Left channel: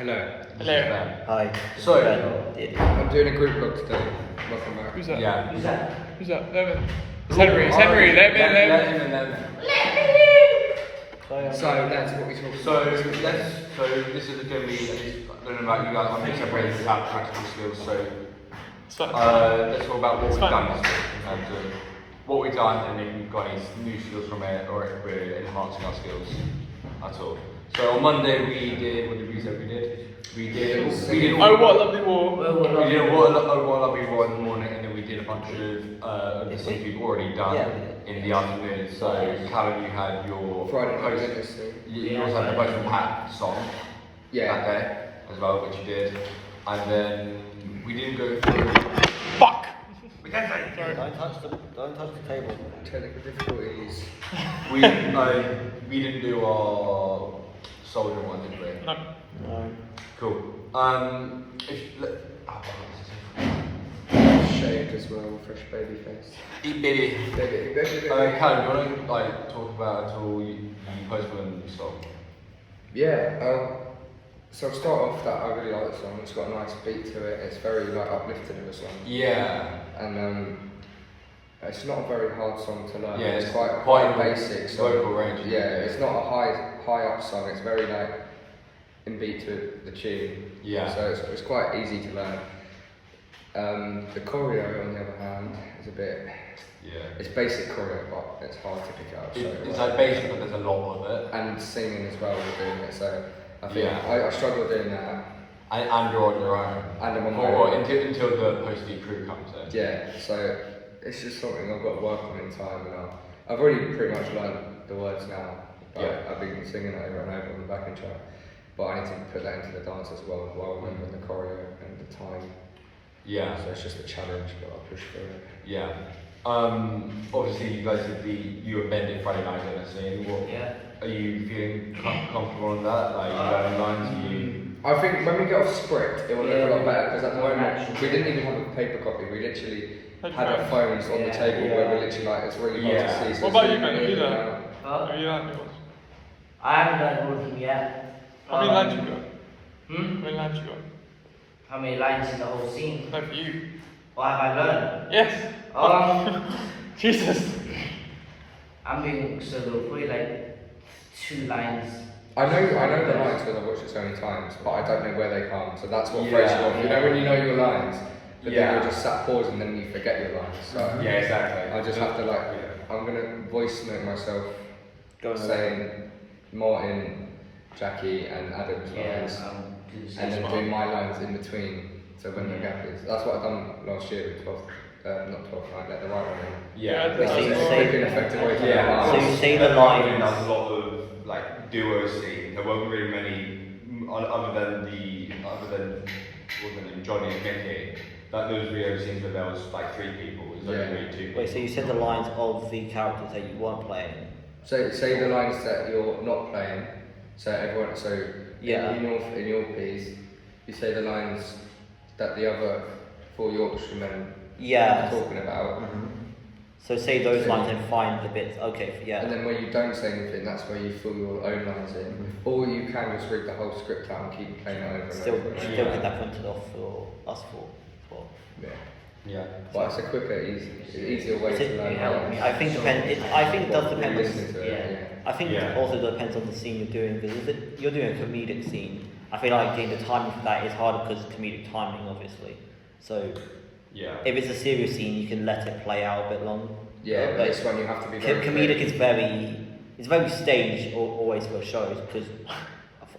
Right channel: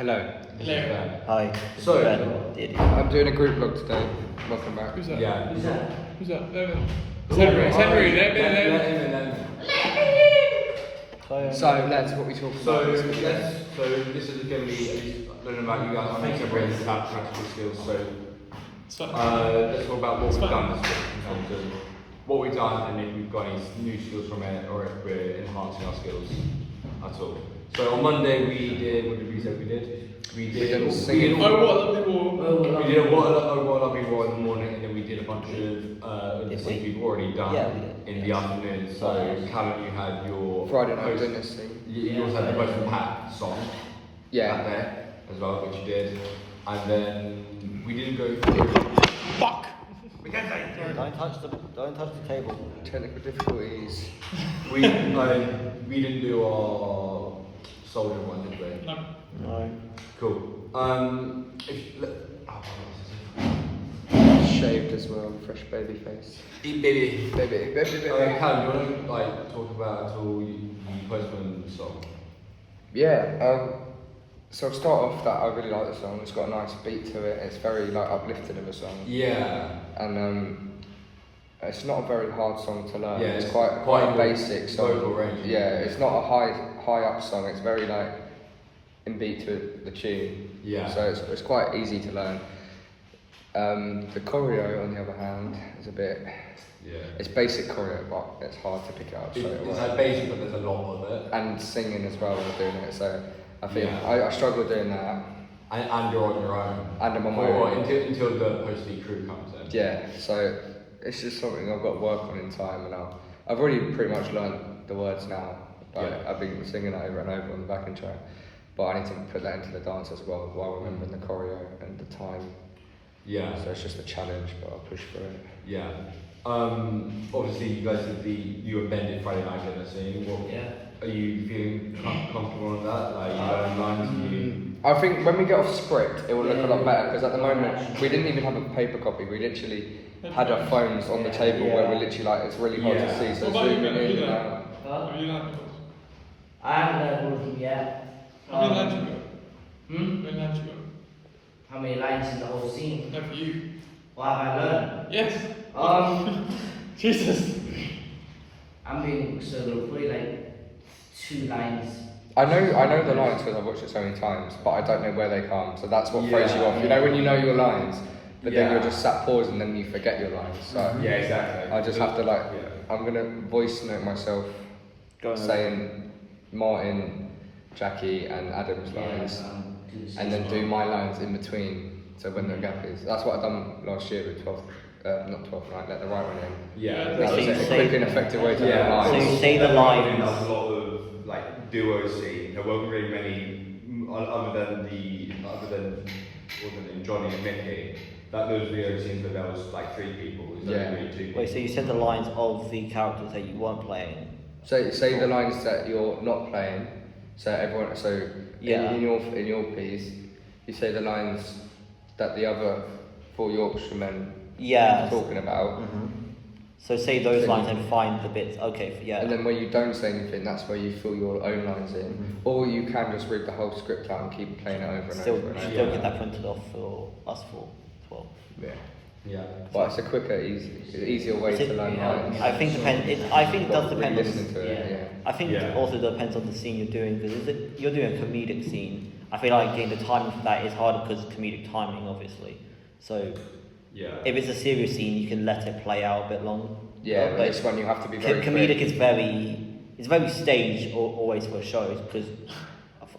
Hello. Hello. Hi. So, I'm doing a group vlog today. Welcome back. Who's that? yeah. Who's that? It's Henry. It's Henry. Let me So that's what we talk So, about. this is going to be, I don't know about you guys, I think I've raised about practical skills, so let's talk about what we've done in terms of what we've done and if we've got any new skills from it or if we're enhancing our skills at all. So on Monday what did we say we did singing. Oh, what lovely war. We did what lovely war in the morning, and then we did a bunch of the things we've already done in the afternoon. So Callum, you had your Friday night dinner thing. You also had the Western Hat song. Yeah. Okay, as well, which you did. And then we didn't go Fuck. Don't touch the table. Technical difficulties. we didn't do our soldier one, did we? No. No. Cool. Shaved as well, fresh baby face. Baby. Baby. Callum, do you want to talk about at all the Postman song? Yeah. So I'll start off that I really like the song. It's got a nice beat to it. It's very uplifting of a song. Yeah. And it's not a very hard song to learn. Yeah, it's quite a basic song. vocal range. Yeah, it's not a high up song. It's very in beat to the tune. Yeah. So it's quite easy to learn. The choreo, on the other hand, is a bit. Yeah. It's basic choreo, but it's hard to pick it up. It's like basic, but there's a lot of it. And singing as well, we're doing it. So I think Yeah. I struggle doing that. And you're on your own. And I'm on my Or own. until the posting crew comes in. Yeah. So it's just something I've got to work on in time, and I've already pretty much learned the words now. But Yeah. I've been singing it over and over on the backing track. But I need to put that into the dance as well, while remembering the choreo and the time. Yeah. So it's just a challenge, but I'll push through it. Yeah. Obviously you guys did you and Ben did Friday night dinner scene. Are you feeling comfortable on that? Like, you have any lines? I think when we get off script, it will look a lot better, because at the moment we didn't even have a paper copy. We literally had our phones on the table where we're literally it's really hard to see. So What about it's you, really Ben? You good. learn? Have you learned? I haven't learned all of them yet. How many lines you got? Hmm? How many lines you got? How many lines in the whole scene? No, for you. What have I learned? Yes. Jesus. I'm doing so there were probably like 2 lines. I know the lines because I've watched it so many times, but I don't know where they come. So that's what throws you off. You know when you know your lines, but then you're just sat pausing and then you forget your lines. So Yeah, exactly. I just have to I'm gonna voice note myself saying Martin, Jackie, and Adam's lines, and then do my lines in between. So when the gap is, that's what I've done last year with 12, not 12, let the right one in. Yeah. Wait, so you say effective way to do Yeah. So lines. you say the lines. That's a lot of like duo scene. There weren't really many other than Johnny and Mickey. Those video scenes where there was like 3 people. Wait, so you said the lines of the characters that you weren't playing. So say the lines that you're not playing. So everyone. So Yeah. in your piece, you say the lines that the other 4 Yorkshiremen Yeah. are talking about. So say those lines and find the bits. Okay. Yeah. And then when you don't say anything, that's where you fill your own lines in. Or you can just read the whole script out and keep playing it over and Still over. get that printed off for us for as well. Yeah. Yeah. But it's a quicker, easier way to learn lines. I think it does depend on. Listening to it, yeah. I think it also depends on the scene you're doing, because if you're doing a comedic scene, I feel like getting the timing for that is harder because comedic timing, obviously. So if it's a serious scene, you can let it play out a bit long. Yeah, but this one you have to be very comedic quick. is very staged always for shows, because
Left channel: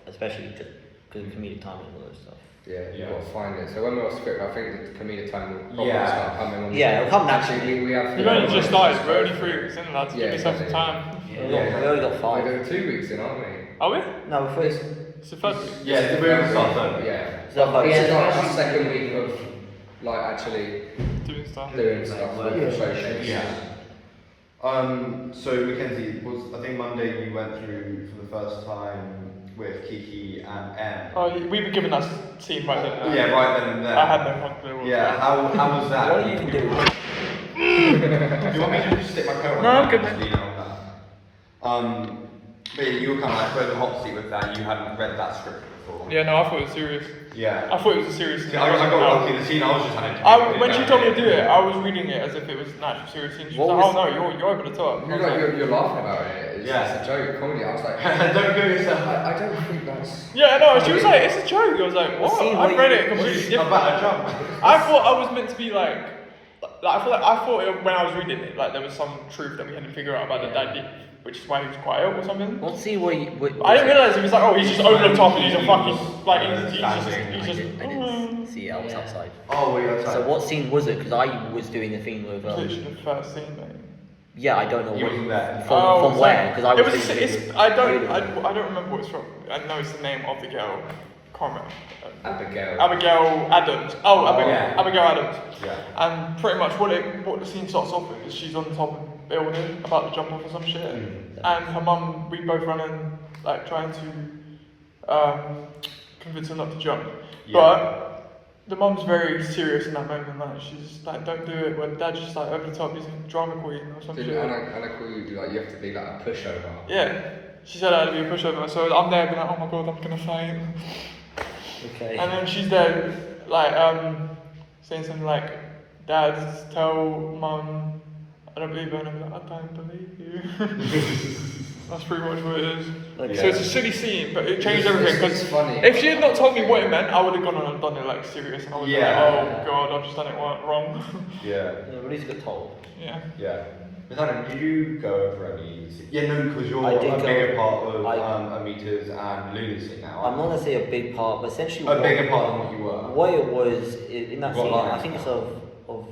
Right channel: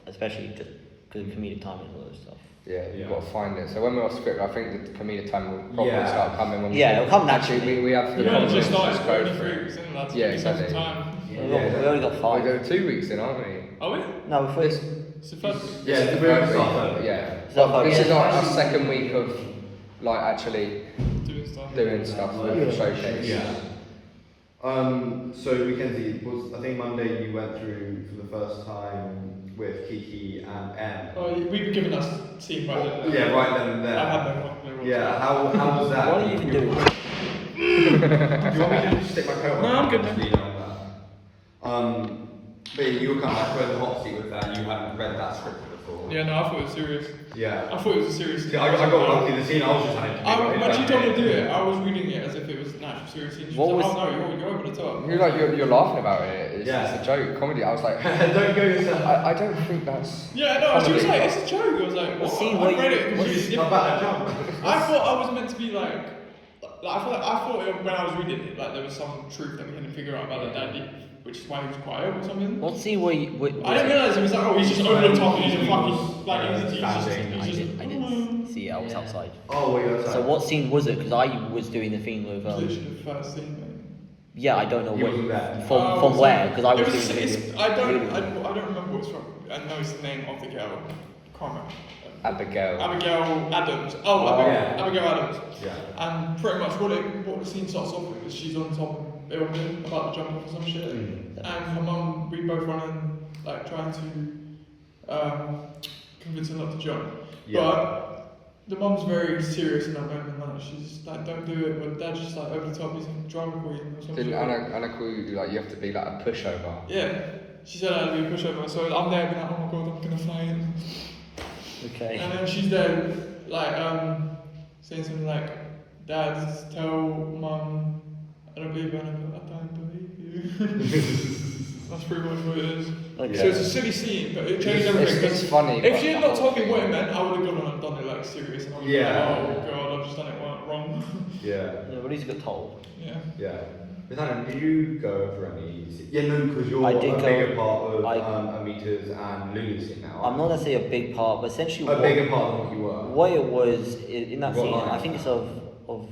especially just because of comedic timing and all that stuff. Yeah, you've got to find it. So when we're off script, I think the comedic time will probably start coming on. Yeah, it'll come Actually, naturally. we have You've only just started going through it, isn't it? Yeah, Give yourself some exactly. time. We only got 5. We're 2 weeks in, aren't we? Are we? No, we're first. It's the first. Yeah, it's the very start. Yeah. So This is like our second week of actually Doing stuff. doing stuff with the showcase. Yeah. So Mackenzie, I think Monday we went through for the first time with Kiki and Em. Oh, we were given that scene right there. Yeah, right then and there. I had no fucking clue. Yeah, how was that? What are you even doing? Do you want me to just stick my camera No, I'm good, on that? But you were kind of like throwing the hot seat with that. You hadn't read that script before. Yeah, no, I thought it was serious. Yeah. I thought it was a serious scene. I got lucky. The scene I was just like. When she told me to do it, I was reading it as if it was an actual serious scene. She was like, oh no, you're over the top. You're laughing about it. It's a joke, comedy. I was like, don't go yourself. I don't think that's. Yeah, no, she was like, it's a joke. I was like, what? I read it completely different. I thought I was meant to be like I thought it, when I was reading it, like there was some truth that we hadn't figured out about the daddy, which is why he was quite ill or something. What scene were you? I didn't realise he was like, oh, he's just over the top and he's a fucking like entity. I didn't see it. I was outside. Oh, wait, that's So what scene was it? Because I was doing the thing with. Literally the first scene. Yeah, I don't know You what were there. from where because I was doing the it's, thing. I don't remember what it's from. I know it's the name of the girl. Can't remember. Abigail Adams. Abigail Adams. Yeah. And pretty much what the scene starts off with is she's on top of a building about to jump off or some shit. And her mum, we both running, like trying to convince her not to jump. Yeah. But the mum's very serious in that moment. Like she's like, don't do it. When dad's just like over the top, he's a drama queen or something. Didn't Anna call you like you have to be like a pushover? Yeah. She said I had to be a pushover. So I'm there being like, oh my god, I'm gonna faint. Okay. And then she's there, like, saying something like, Dad, tell Mum, I don't believe her. And I'm like, I don't believe you. That's pretty much what it is. Okay. So it's a silly scene, but it changes everything. It's funny. If she had not told me what it meant, I would have gone on and done it like serious. And I would have been like, oh god, I've just done it wrong. Yeah. Yeah, but at least you got told. Yeah. Yeah. Nathaniel, did you go over any? Yeah, no, because you're I did a go- bigger part of Amita's and Lunacy now. I'm not gonna say a big part, but essentially a bigger part than what you were. what it was in that What scene, line? I think it's of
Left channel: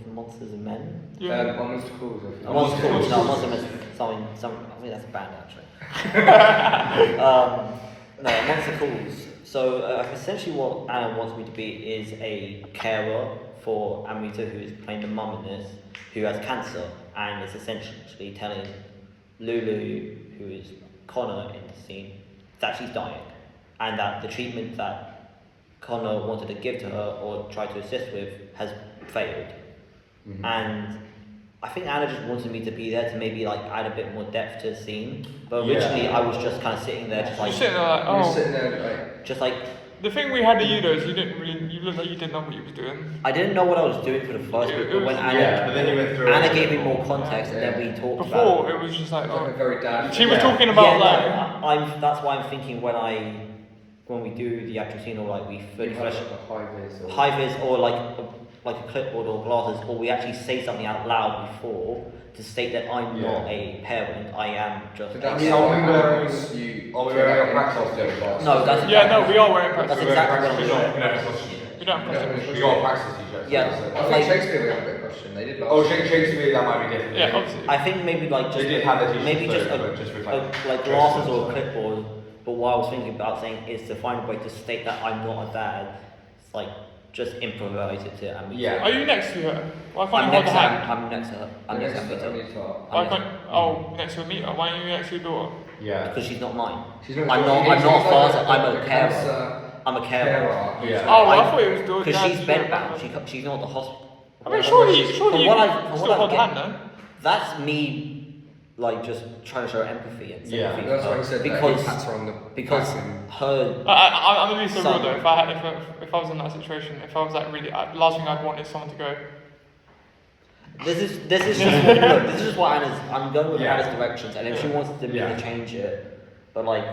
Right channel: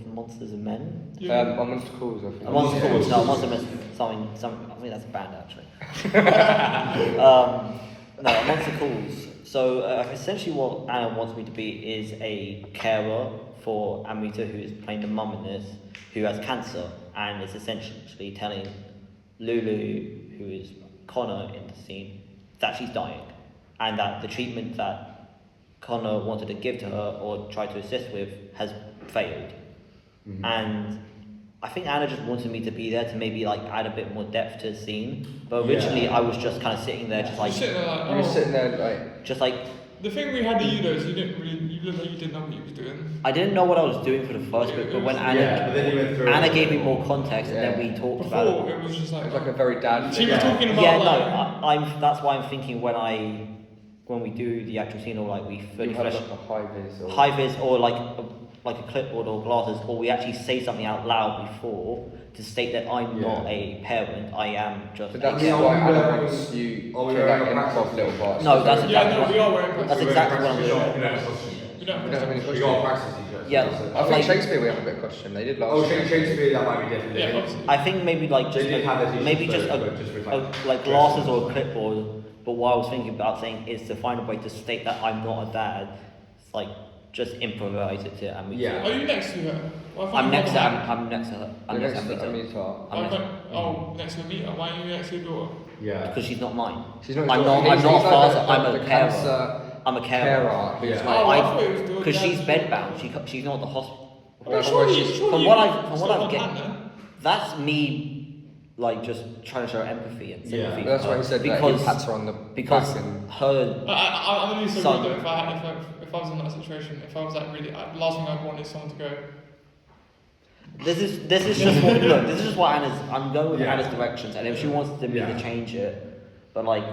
Monsters and Men. On Monster Calls. A Monster Calls, no, Monster Men, something. I think that's a band actually. No, a Monster Calls. So essentially, what Anna wants me to be is a carer for Amita, who is playing the mum in this, who has cancer, and is essentially telling Lulu, who is Connor in the scene, that she's dying, and that the treatment that Connor wanted to give to her or try to assist with has failed. Mm-hmm. And I think Anna just wanted me to be there to maybe like add a bit more depth to the scene. But originally I was just kind of sitting there, just like, You're sitting there like, You're oh. sitting there like. just like The thing we had to you though is you looked like you didn't know what you were doing. I didn't know what I was doing for the first bit, but when but then you went through Anna it. gave me more context, and then we talked about it. Before, it was just like, It's like a very dad. she was talking about Yeah, like, no, I'm. That's why I'm thinking when we do the actual scene, or like we fully flesh high vis, or like a clipboard or glasses, or we actually say something out loud before to state that I'm not a parent. I am just a That's carer. what happens. You carry that off little box. No, that's yeah, exactly. no, we are wearing That's exactly what I'm doing. We don't have to. We got practice. Yeah, I think like Shakespeare we have a bit of question. They did last. Oh, Shakespeare, that might be different. Yeah, obviously. I think maybe like just They did have it maybe just just for like glasses or a clipboard. But what I was thinking about saying is to find a way to state that I'm not a dad. It's like just improvise it to Amita. Yeah. Are you next to her? Why can't I'm you next to walk behind? I'm next to her. I'm next to Amita. Why can't? Oh, next to Amita. Why are you next to your daughter? Yeah. Because she's not mine. She's not. I'm not a father. I'm a carer. I'm a carer. Yeah. Oh, I thought it was daughter. Because she's bedbound. She's not at the hospital. I mean, surely From you what still I've have get, hand, no? that's me, like just trying to show empathy and sympathy That's for why her I said because that. On the because back and her I'm gonna be so son. real though. If I was in that situation, if I was like really, last thing I'd want is someone to go. This is just what look. This is just what I'm going with Yeah. Anna's directions, and if she wants me Yeah. to change it, but like,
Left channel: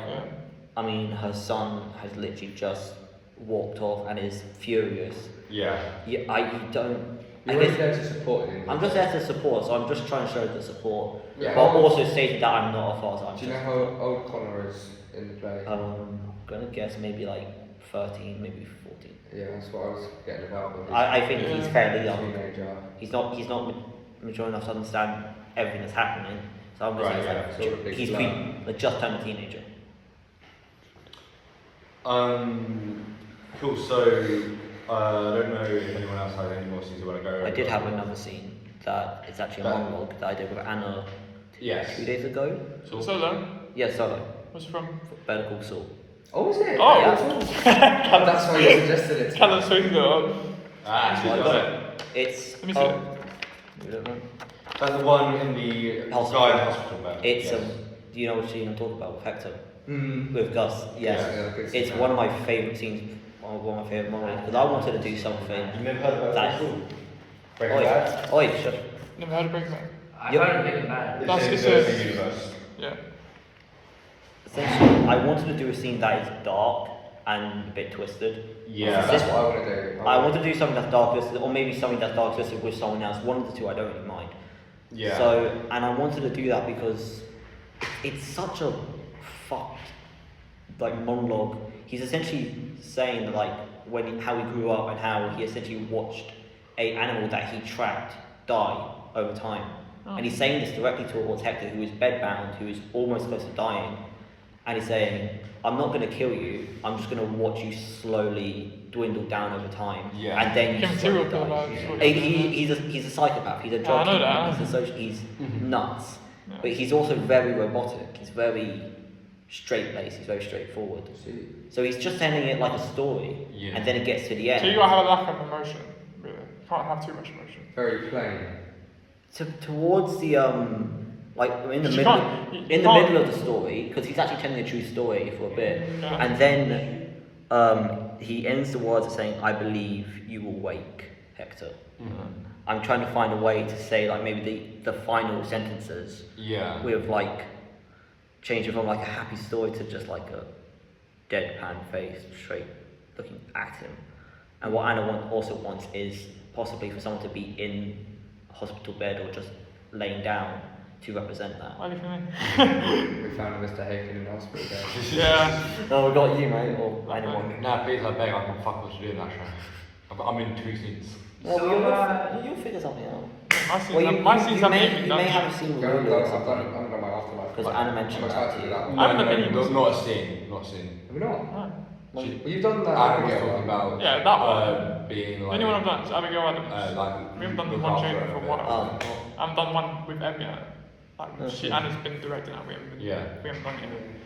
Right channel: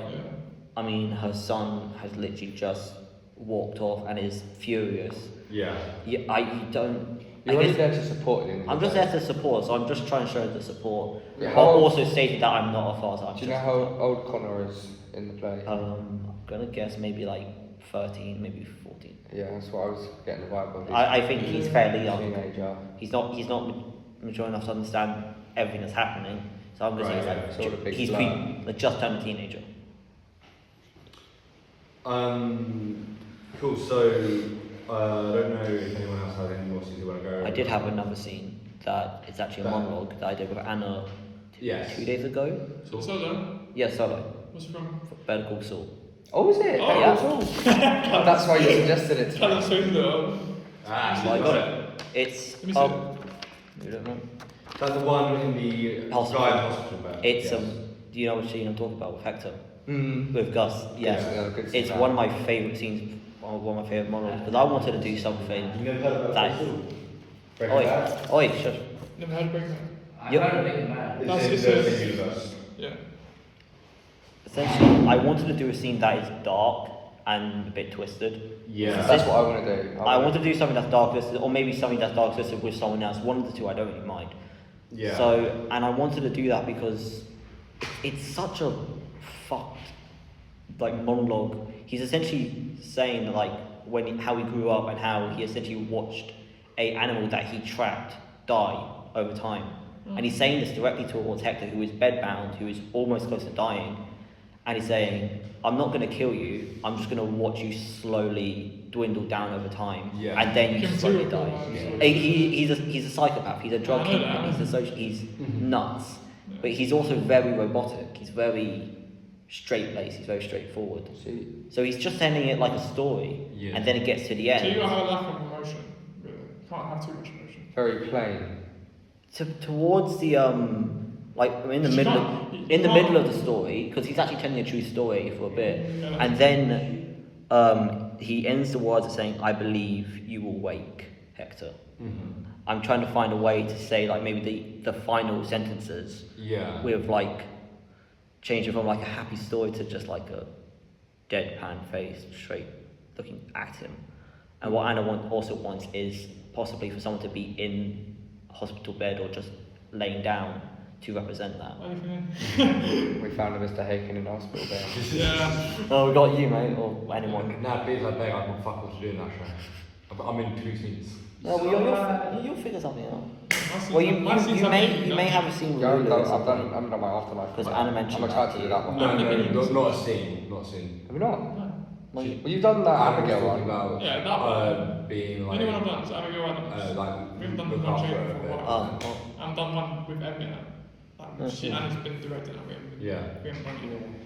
I mean, her son has literally just walked off and is furious. Yeah. Yeah, I don't. I you're guess there to support him. I'm just there to support, so I'm just trying to show the support, Yeah, but how old- also stating that I'm not a father. I'm Do you know just, how old Connor is in the play? I'm gonna guess maybe like 13, maybe 14. Yeah, that's what I was getting about. I think he's fairly young. Teenager. He's not mature enough to understand everything that's happening. So I'm guessing Right, he's sort of like big he's blur. like just turned a teenager. Cool. So I don't know if anyone else has any more scenes you want to go over. I did have another scene that is actually a monologue that I did with Anna Yes. 2 days ago. Solo. Yeah, solo. What's it from? Better Call Saul. Oh, is it? Oh, Yeah. That's why you suggested it. Kind of sweet though. That's why I got it. It's Let me see it. you don't know. That's the one in the Hospital. hospital bed. It's yes. Do you know which scene I'm talking about with Hector? Mm. With Gus? Yeah. It's one of my favourite scenes, one of my favourite monologues, because I wanted to do something that. Oi, shush. Never heard of Breaking Bad. I Yep. heard of Breaking Bad. Yeah. Essentially, I wanted to do a scene that is dark and a bit twisted. Yeah. That's what I want to do. I want to do something that's dark twisted, or maybe something that's dark twisted with someone else. One of the two, I don't really mind. Yeah. So, and I wanted to do that because it's such a fucked monologue. He's essentially saying that how he grew up and how he essentially watched a animal that he tracked die over time. And he's saying this directly towards Hector, who is bedbound, who is almost close to dying. And he's saying, I'm not going to kill you, I'm just going to watch you slowly dwindle down over time, and then you slowly die. He's a psychopath, he's a drug kingpin, he's nuts. But he's also very robotic, he's very straight-laced, he's very straightforward. So he's just telling it like a story, and then it gets to the end. So you gotta have a lack of emotion, really. Can't have too much emotion. Very plain. Towards the in the middle of the story, because he's actually telling a true story for a bit, and then he ends the words of saying, "I believe you will wake, Hector." I'm trying to find a way to say maybe the final sentences with changing from a happy story to just a deadpan face straight looking at him. And what Anna also wants is possibly for someone to be in a hospital bed or just laying down to represent that. Only for me. We found Mr. Haken in the hospital there. Yeah. Oh, we got you, mate, or anyone. Nah, please, I beg, I can fuck what you're doing that show. I'm in 2 scenes. No, well, you'll figure something out. Well, you may have a scene with Lulu or something. I'm done my afterlife. Because Anna mentioned that to you. Not a scene, not a scene. Have we not? Well, You've done that. I was talking about Yeah, that one. being Anyone I've done is Abigail Adams. We haven't done the one chain for one. well. I've done one with Emmy. Anna's been directing that. We haven't done it.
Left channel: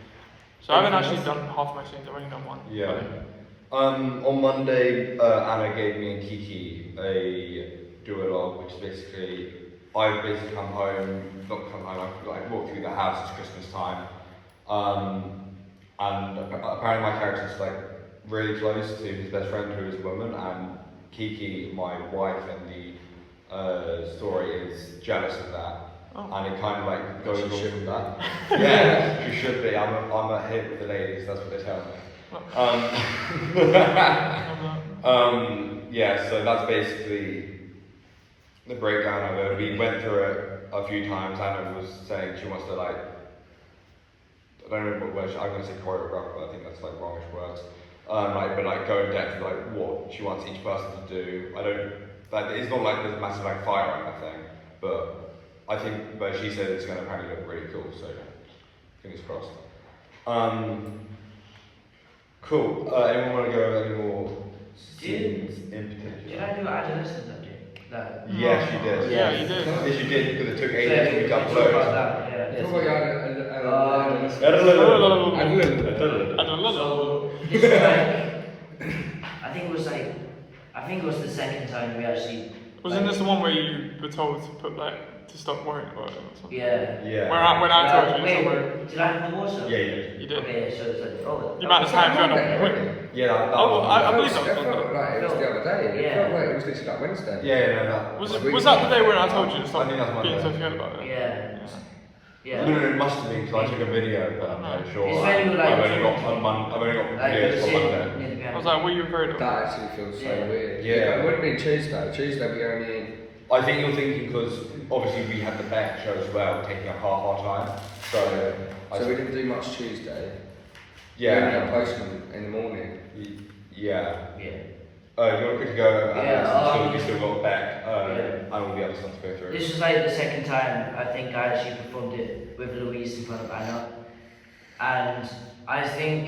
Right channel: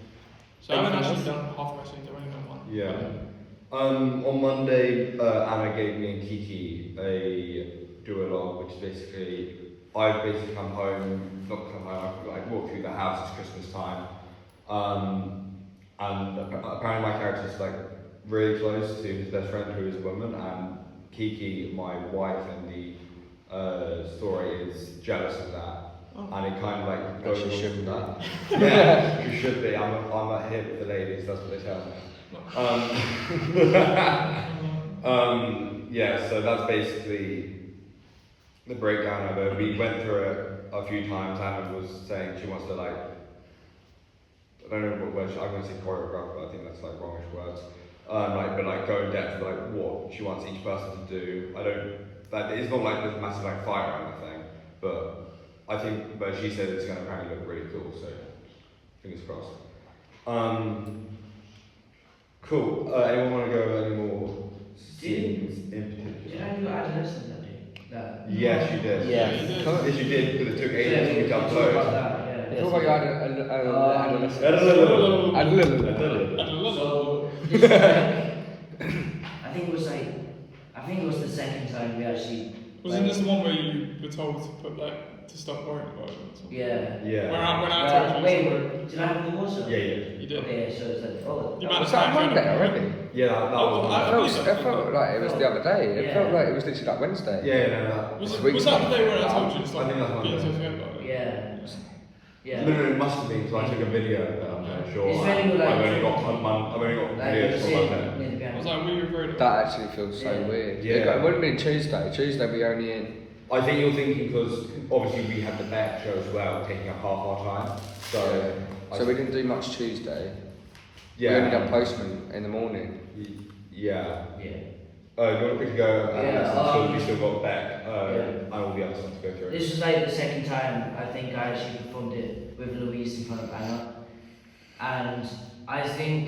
So I haven't actually done half my scenes, I've only done one. Yeah. On Monday, Anna gave me and Kiki a duologue, which basically, I've basically come home, I've walked through the house, it's Christmas time, and apparently my character's really close to his best friend who is a woman, and Kiki, my wife in the story, is jealous of that. And it kind of goes along with that. Yeah, you should be. I'm a hit with the ladies, that's what they tell me. Yeah, so that's basically the breakdown of it. We went through it a few times. Anna was saying she wants to I don't know what word, I'm going to say choreograph, but I think that's wrongish words. But go in depth what she wants each person to do. It's not there's a massive fight or anything, but I think, but she said it's going to apparently look really cool, so fingers crossed. Cool. Anyone want to go over any more scenes in particular? Did I do adolescence that day? That. Yes, you did. Yeah. Yes, you did, because it took 8 Yeah, years we to talked become about so. that, yeah. Yes, What you about So this I think it was the second time we actually. Wasn't this the one where you were told to put to stop worrying about it or something? Yeah. Yeah. When I told you Wait, somewhere. did I have the water? Yeah, You did. Okay, so it's You might have that Monday had already? Yeah, that I one. felt It felt like it was the other day. It felt like it was literally Wednesday. Yeah, no. Was that the day when I told you to stop I think that's being so Monday. good about it? Yeah. Yeah. No, it must have been, because I took a video, but I'm not sure. It's very good, I've only got videos for 1 minute. I was like, what are you afraid of? That actually feels so Yeah. weird. Yeah. It would have been Tuesday. Tuesday we only. I think you're thinking because obviously we had the Beck show as well, taking up half our time. So we didn't do much Tuesday. Yeah. We only got postman in the morning. Yeah. Yeah. You want to quickly go, Yeah, so we still got Beck, yeah. and all the other stuff to go through. This was the second time I think I actually performed it with Louise in front of Anna. And I think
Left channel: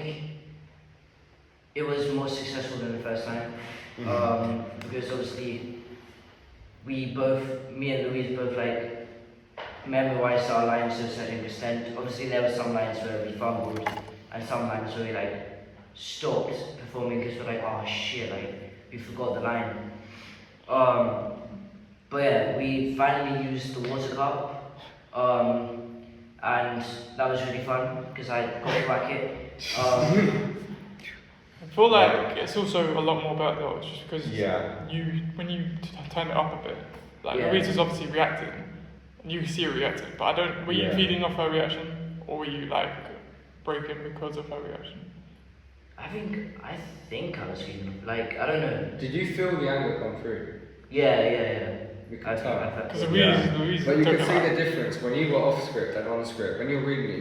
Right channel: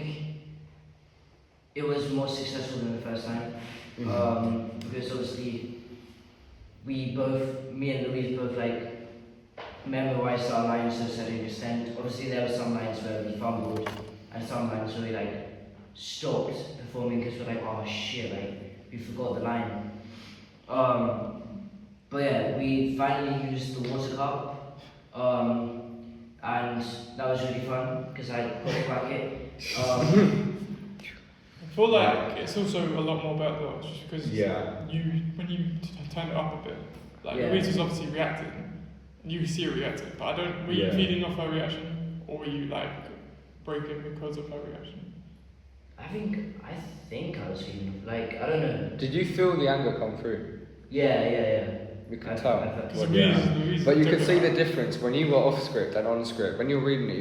it was more successful than the first time. Because obviously me and Louise both memorized our lines to a certain extent. Obviously there were some lines where we fumbled and some lines where we stopped performing because we're oh shit, we forgot the line. But yeah, we finally used the water cup, and that was really fun because I got to back it. I feel like it's also a lot more better though, just because when you turn it up a bit, like Louise was obviously reacting, and you see her reacting, but I don't. Were you feeding off her reaction, or were you like broken because of her reaction? I think I was feeling like I don't know. Did you feel the anger come through? Yeah. You can tell. Louise But you can see the difference when you were off script and on script. When you're reading it,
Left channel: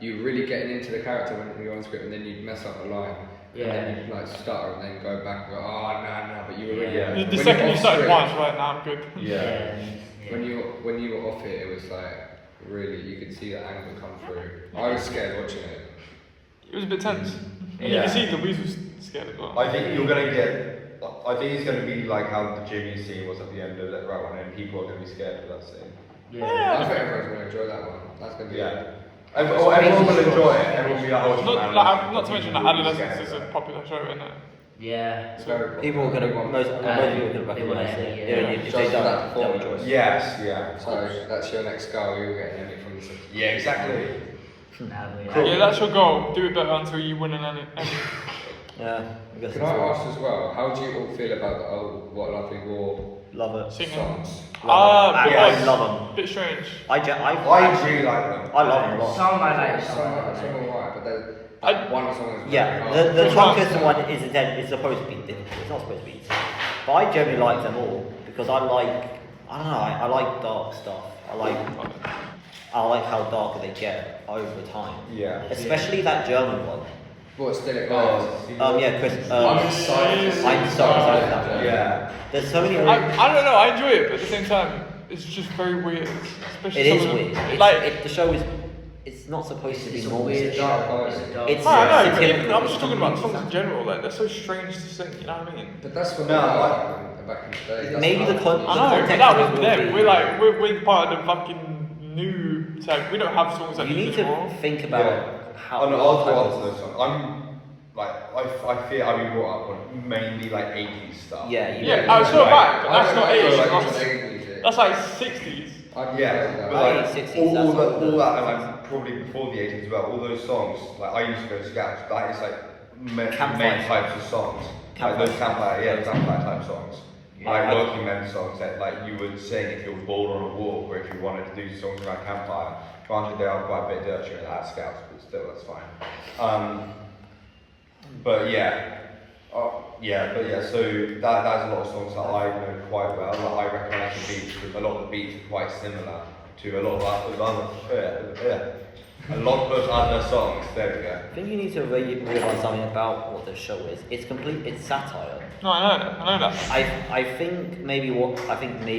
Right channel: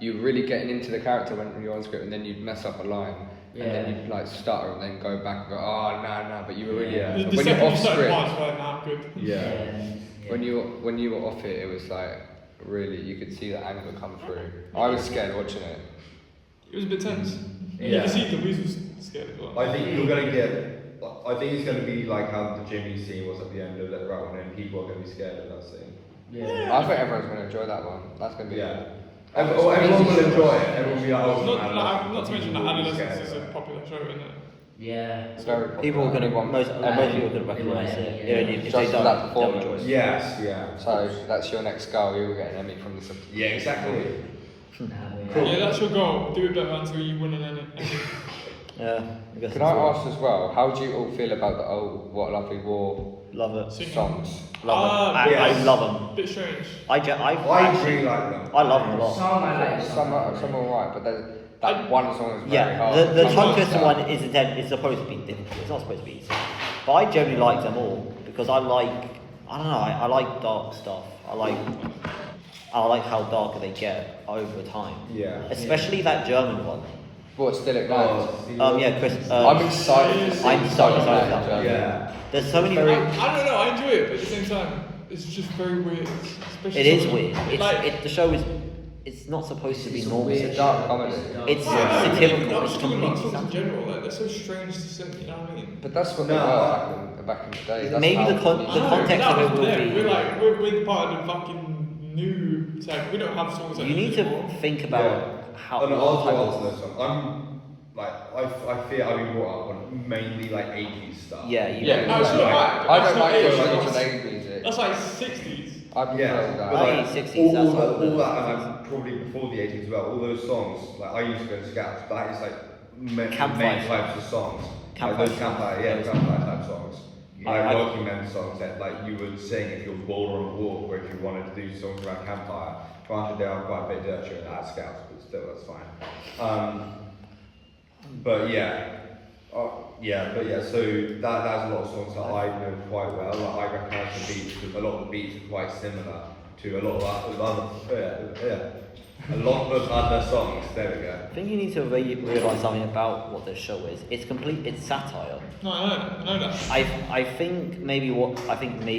you're really getting into the character when you're on script, and then you mess up a line. Yeah. And then you like stutter and then go back and go, oh no, but you were really The when second you're you off started script. once, right now, good. When you were off it, it was like really you could see the anger come through. I was scared watching it. It was a bit tense. Yeah. You can see Louise was scared as well. I think you're going to get. I think it's going to be like how the Ginny scene was at the end of that round, and people are going to be scared of that scene. Yeah. I think everyone's going to enjoy that one. That's going to be And everyone will enjoy it. Everyone will be Not to mention that Adolescence is a popular show, isn't it? Yeah. So People are going to most people are going to recognise it. If they don't, they'll enjoy it. Yes, yeah. So that's your next goal. You're getting Emmy from this. Yeah, exactly. Yeah, that's your goal. Do it better until you win an Emmy. Yeah, I guess Can it's I all. ask as well? How do you all feel about the What Lovely War Love it. Singing. songs? Love it. I yes. love them. Bit strange. I I really like them. I love them a lot. Some I like, Some some I are like. alright, but then like one song is Yeah, very the hard. tongue twister one is intended. It's supposed to be difficult. It's not supposed to be easy. But I generally like them all because I don't know. I like dark stuff. I like how darker they get over time. Yeah. Especially that German one. What, Still It Goes? Yeah, Chris. I'm excited. I'm so excited for that one. Yeah. There's so many. I don't know, I enjoy it, but at the same time, it's just very weird. Especially It is some of weird. them. It's, Like, the show is. It's not supposed to be normal. It's a dark comedy. It's I know, satirical. I'm It's just talking about completely songs in general, like, they're so strange to sing, you know what I mean? But that's what they were back in the day. That's Maybe the how- context of it will be. We're part of the fucking new type. We don't have songs like You this need to anymore. think about how I'm what type also of. this one. I'm like I feel how you brought up on mainly like 80s stuff. Yeah, you. Yeah, that's not bad. I That's don't not like age. it. That's- Music. That's like 60s. I prefer Yeah. that. Late 60s, that's all older. that, and probably before the 80s as well. All those songs, like I used to go to scouts. That is like Campfire main types of songs. Campfire Like, campfire, yeah, songs. campfire type songs. Like I- working men songs that like you would sing if you were bored on a walk, or if you wanted to do songs around campfire. Granted, they are quite a bit dirtier at scouts, but still, that's fine. But yeah. So that's a lot of songs that I know quite well. I recognise the beats, because a lot of the beats are quite similar to a lot of other songs. There we go. I think you need to realise something about what the show is. It's satire. No, I know that. I think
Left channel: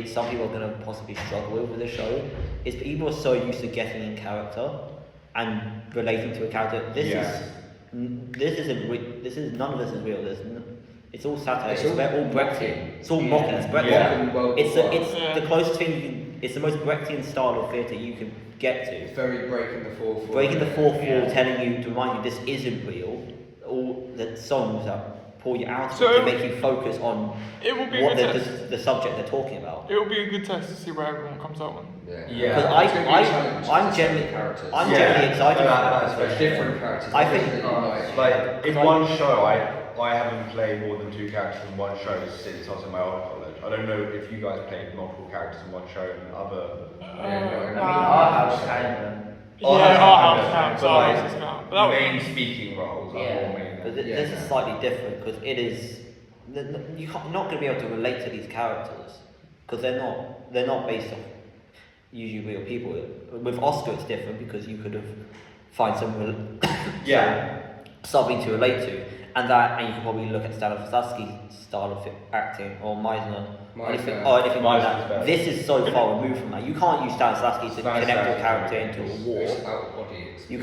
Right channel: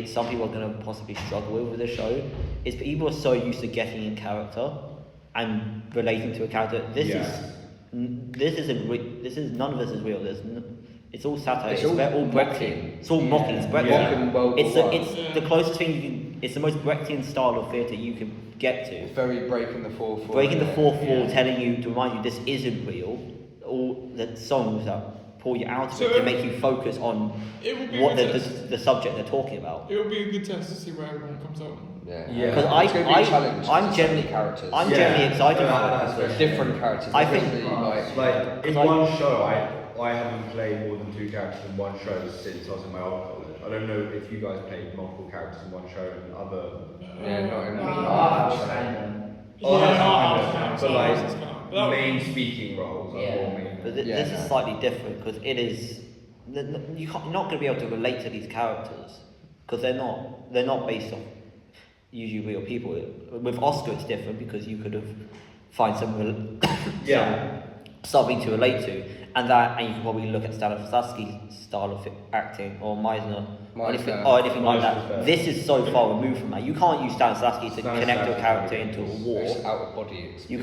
some people are going to possibly struggle with the show is people are so used to getting in character and relating to a character. This is none of this is real. It's all satire. It's all Brechtian. It's all mocking. It's Brechtian. Yeah. It's the closest thing you can. It's the most Brechtian style of theatre you can get to. Very breaking the fourth wall. Breaking the fourth wall, telling you to remind you this isn't real. All the songs that pull you out of it to make you focus on It will be what a good test. the subject they're talking about. It will be a good test to see where everyone comes out on. Yeah. Because It's gonna be a challenge I'm to generally certain characters. I'm generally excited for it It's because different characters. I think- Like in Like- one show, I haven't played more than 2 characters in one show since I was in my old college. I don't know if you guys played multiple characters in one show and other. Yeah, no, I was kind of. But like main speaking roles. Yeah. But this is slightly different because it is you're not going to be able to relate to these characters because they're not based on usually real people. With Oscar, it's different because you could have find something to relate to, and you can probably look at Stanislavski's style of acting or Meisner or anything like that. This is so far removed from that. You can't use Stanislavski to connect your character into a war. It's out of body. You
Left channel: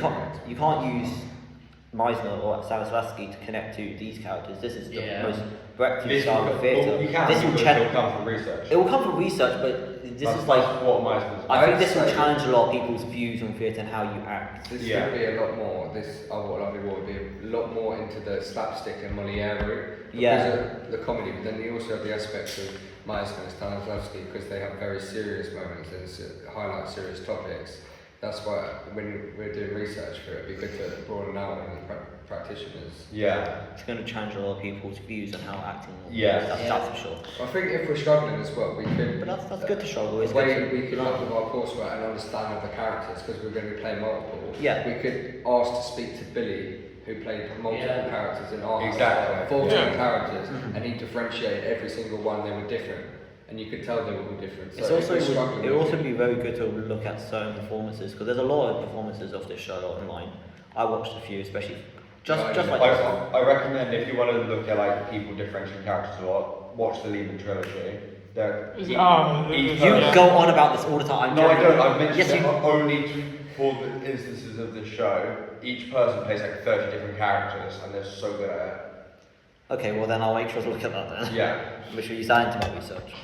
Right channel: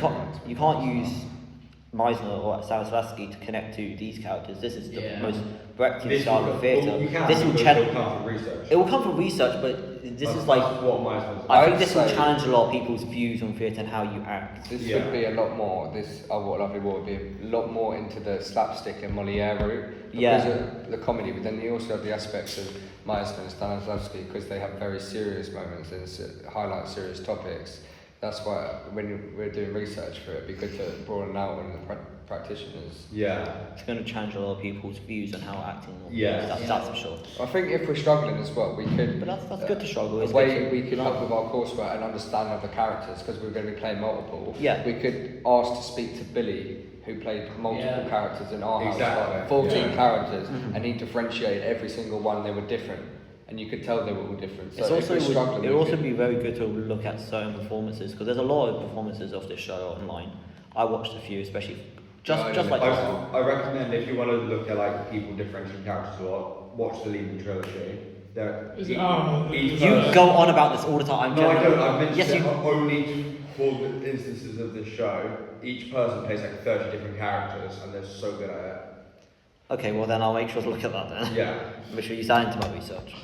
can't use Meisner or Stanislavski to connect to these characters. This is the most Brechtian style of theatre. This will challenge. It will come from research, but this is like. I think this will challenge a lot of people's views on theatre and how you act. This would be a lot more. This What Lovely War would be a lot more into the slapstick and Molière route. Because of the comedy, but then you also have the aspects of Meisner and Stanislavski because they have very serious moments and highlight serious topics. That's why when we're doing research for it, it'd be good to broaden out on the practitioners. Yeah. It's going to change a lot of people's views on how acting will be. Yeah. That's for sure. I think if we're struggling as well, we could. But that's good to struggle. It's the way good to, we could help with our coursework and understanding of the characters, because we're going to be playing multiple. Yeah. We could ask to speak to Billy, who played multiple characters in our Exactly. 14 characters, and he differentiated every single one. They were different, and you could tell they were all different. It's So also if we're struggling, it would also be very good to look at certain performances because there's a lot of performances of this show online. I watched a few, especially just like this. I recommend if you want to look at like people differentiating characters a lot, watch the Leaving trilogy. You go on about this all the time. No, I don't. I've mentioned Yes, it you. only for the instances of the show. Each person plays like 30 different characters, and they're so good at it. Okay, well then I'll make sure to look at that then. Yeah. Make sure you sign into my research.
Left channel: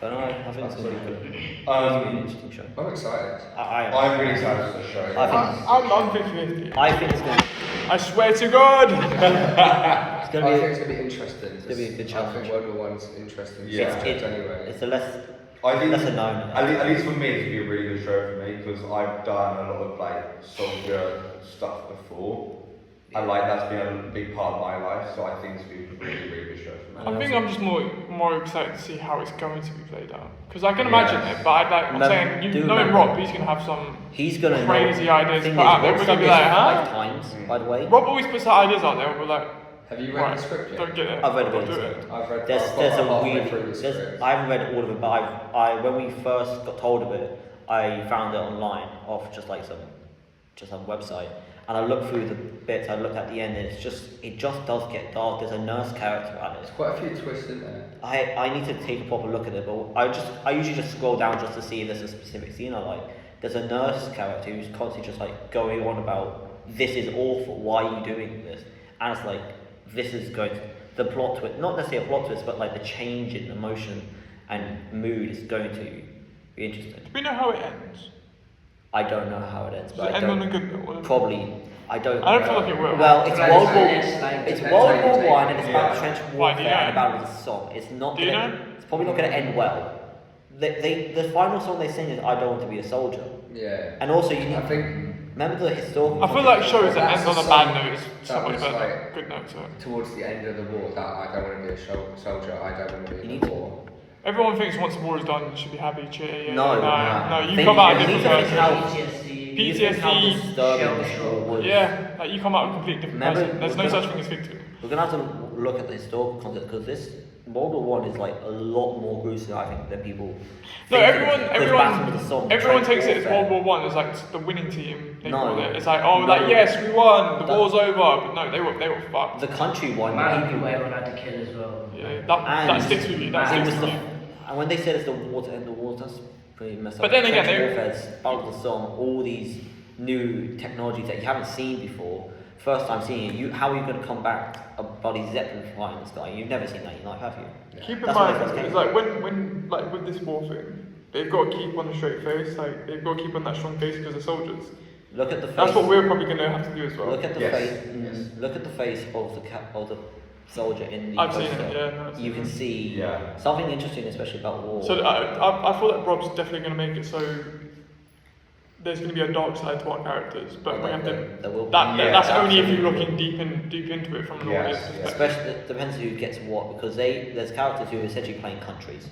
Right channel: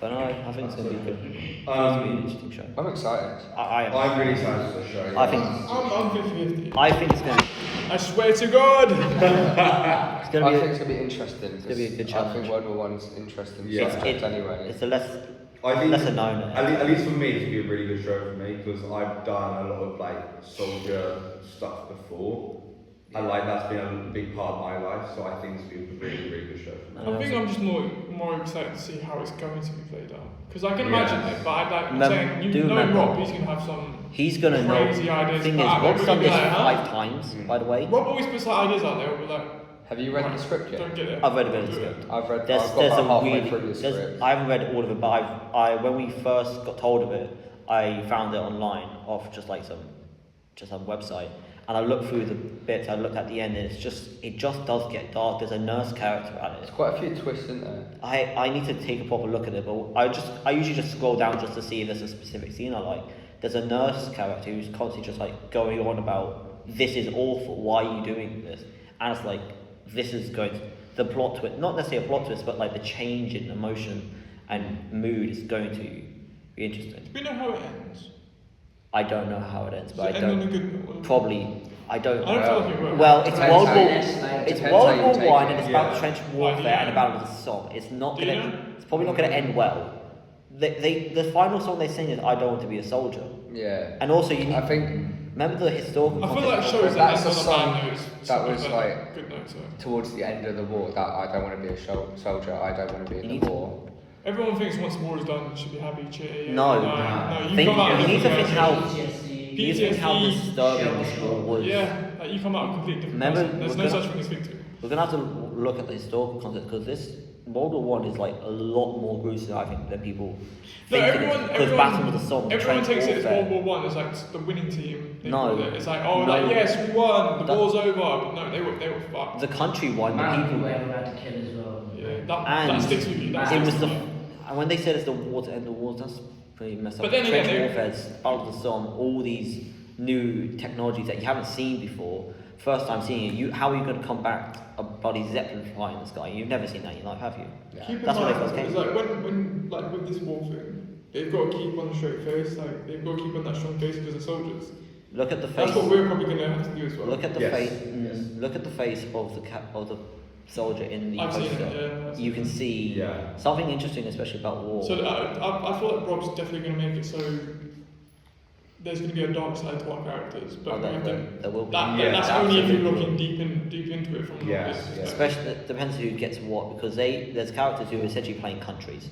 But no, I think it's going to be good. It's going to be an interesting show. I'm excited. I am. I'm really excited for the show. I'm 50-50. I think it's going to. I swear to God. It's going I to think be. it's going to be interesting. It's gonna be a good I challenge. think World War One's interesting. Yeah. Anyway. It's a less. I think Lesser known. At least for me, it's gonna be a really good show for me because I've done a lot of like soldier stuff before, and like that's been a big part of my life. So I think it's been a really, really good show for me. I think I'm just more excited to see how it's going to be played out. Because I can imagine it, but I'm Remember- saying, do you know remember- Rob, he's going to have some He's going to know. crazy ideas. Thing is, but I'm Rob's gonna done be this like, huh? 5 times, by the way. Rob always puts out ideas out there, but like, Have you read the script yet? don't get it. I've read a bit of Do the it. script. I've read. There's I've got a halfway really through the script. I haven't read all of it, but when we first got told of it, I found it online off just some website, and I looked through the bits. I looked at the end, and it just does get dark. There's a nurse character at it. There's quite a few twists in there. I need to take a proper look at it, but I usually just scroll down just to see if there's a specific scene I like. There's a nurse character who's constantly just like going on about this is awful. Why are you doing this? And it's like this is going to the plot twist, not necessarily a plot twist, but like the change in emotion and mood is going to be interesting. Do we know how it ends? I don't know how it ends, but Does I it end on a don't. good note? Probably, I don't. I don't feel like it will. Well, it's Like, World War. it's like- It's Depends World how you War take One, it. and it's about Yeah. trench Like, warfare yeah. and the Battle of the Somme. It's not Do you gonna. know? It's probably not gonna end well. The final song they sing is "I Don't Want to Be a Soldier," Yeah. and also you need. I think Remember the historical. I feel context like of shows it? that That's end on the a song bad note. that was a like- good note. So. towards the end of the war, that I don't want to be a soldier. I don't want to be You in need the to- war. Everyone thinks once the war is done, you should be happy, cheery. No. no. You Think- come out you need to think different how- versions. PTSD. You think how PTSD, disturbing this war was. Yeah, like you come out with completely different. Remember, person. There's we're no gonna- such thing as victory. We're gonna have to look at the historical context because this World War One is like a lot more gruesome, I think, than people No, think it is. Because Battle of the Somme, everyone trench takes it as warfare. World War One as like the winning team. No. It's like, oh, No. like, yes, we won, the That- war's over. But no, they were fucked. The country won, the Mad people. people everyone had to kill as well. Yeah, that And sticks with you. That it sticks was with the you. and when they said it's the war to end the wars, that's pretty messed up. But then Trench again, warfare, Battle of the Somme, all these new technologies that you haven't seen before. First time seeing it, how are you going to combat a bloody Zeppelin flying in the sky? You've never seen that in your life, have you? Keep in That's when mind, they first came. it's like when like with this war thing, they've got to keep on a straight face. Like they've got to keep on that strong face because they're soldiers. Look at the That's face. what we're probably going to have to do as well. Look at the Yes, face. yes. Look at the face of the soldier in the I've seen it, poster. yeah, no, I've You seen can see Yeah. something interesting, especially about war. So I thought that Rob's definitely going to make it so there's going to be a dark side to our characters, but Oh, we have to. there will be. That's Yeah, only if you're absolutely. looking deep into it from Yes, Rob. yes. Especially, it depends who gets what, because there's characters who are essentially playing countries.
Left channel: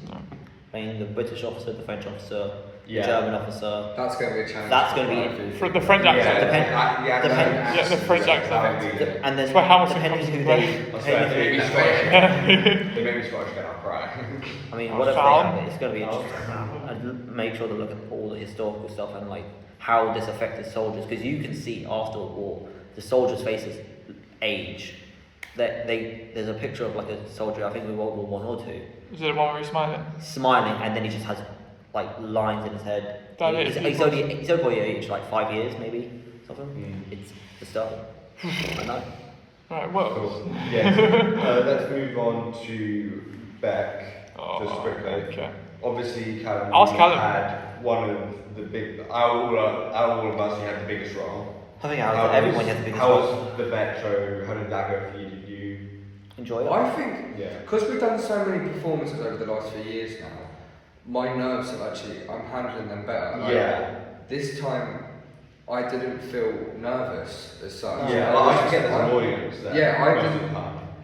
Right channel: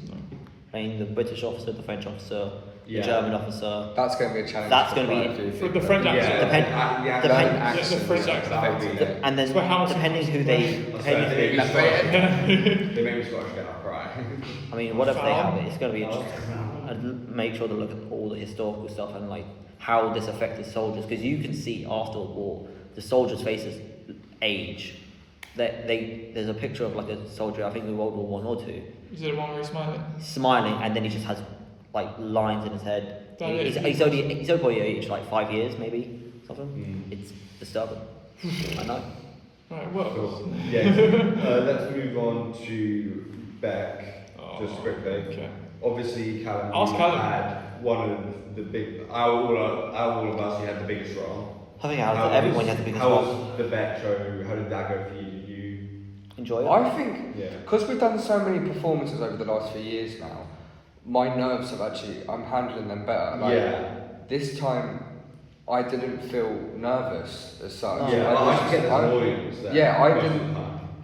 Playing the British officer, the French officer, the Yeah. German officer. That's going to be a challenge. That's gonna be- For the French accent. Depend- yeah, depend- Yeah, the French accent. And then That's why House- depending who they, They made me Scottish get up, right? I mean, what if they have it? It's going to be interesting. I'd make sure to look at all the historical stuff and like how this affected soldiers, because you can see after a war the soldiers' faces age. There's a picture of like a soldier, I think in World War One or Two, Is it the one where he's smiling? smiling, and then he just has like lines in his head. That He's is- only probably aged like 5 years, maybe something. It's disturbing. I know. Right, well. Cool. Yeah. Let's move on to Beck, just quickly. Okay. Obviously, Callum Ask Callum. had one of the big. Out of all of us, you had the biggest role. I think out of everyone has the biggest How role. was the Beck show? How did that go for you? Did you? Enjoy it. I think Yeah. because we've done so many performances over the last few years now, my nerves have actually I'm handling them better. Like, Yeah. this time I didn't feel nervous as such. Oh. Yeah, I get I didn't.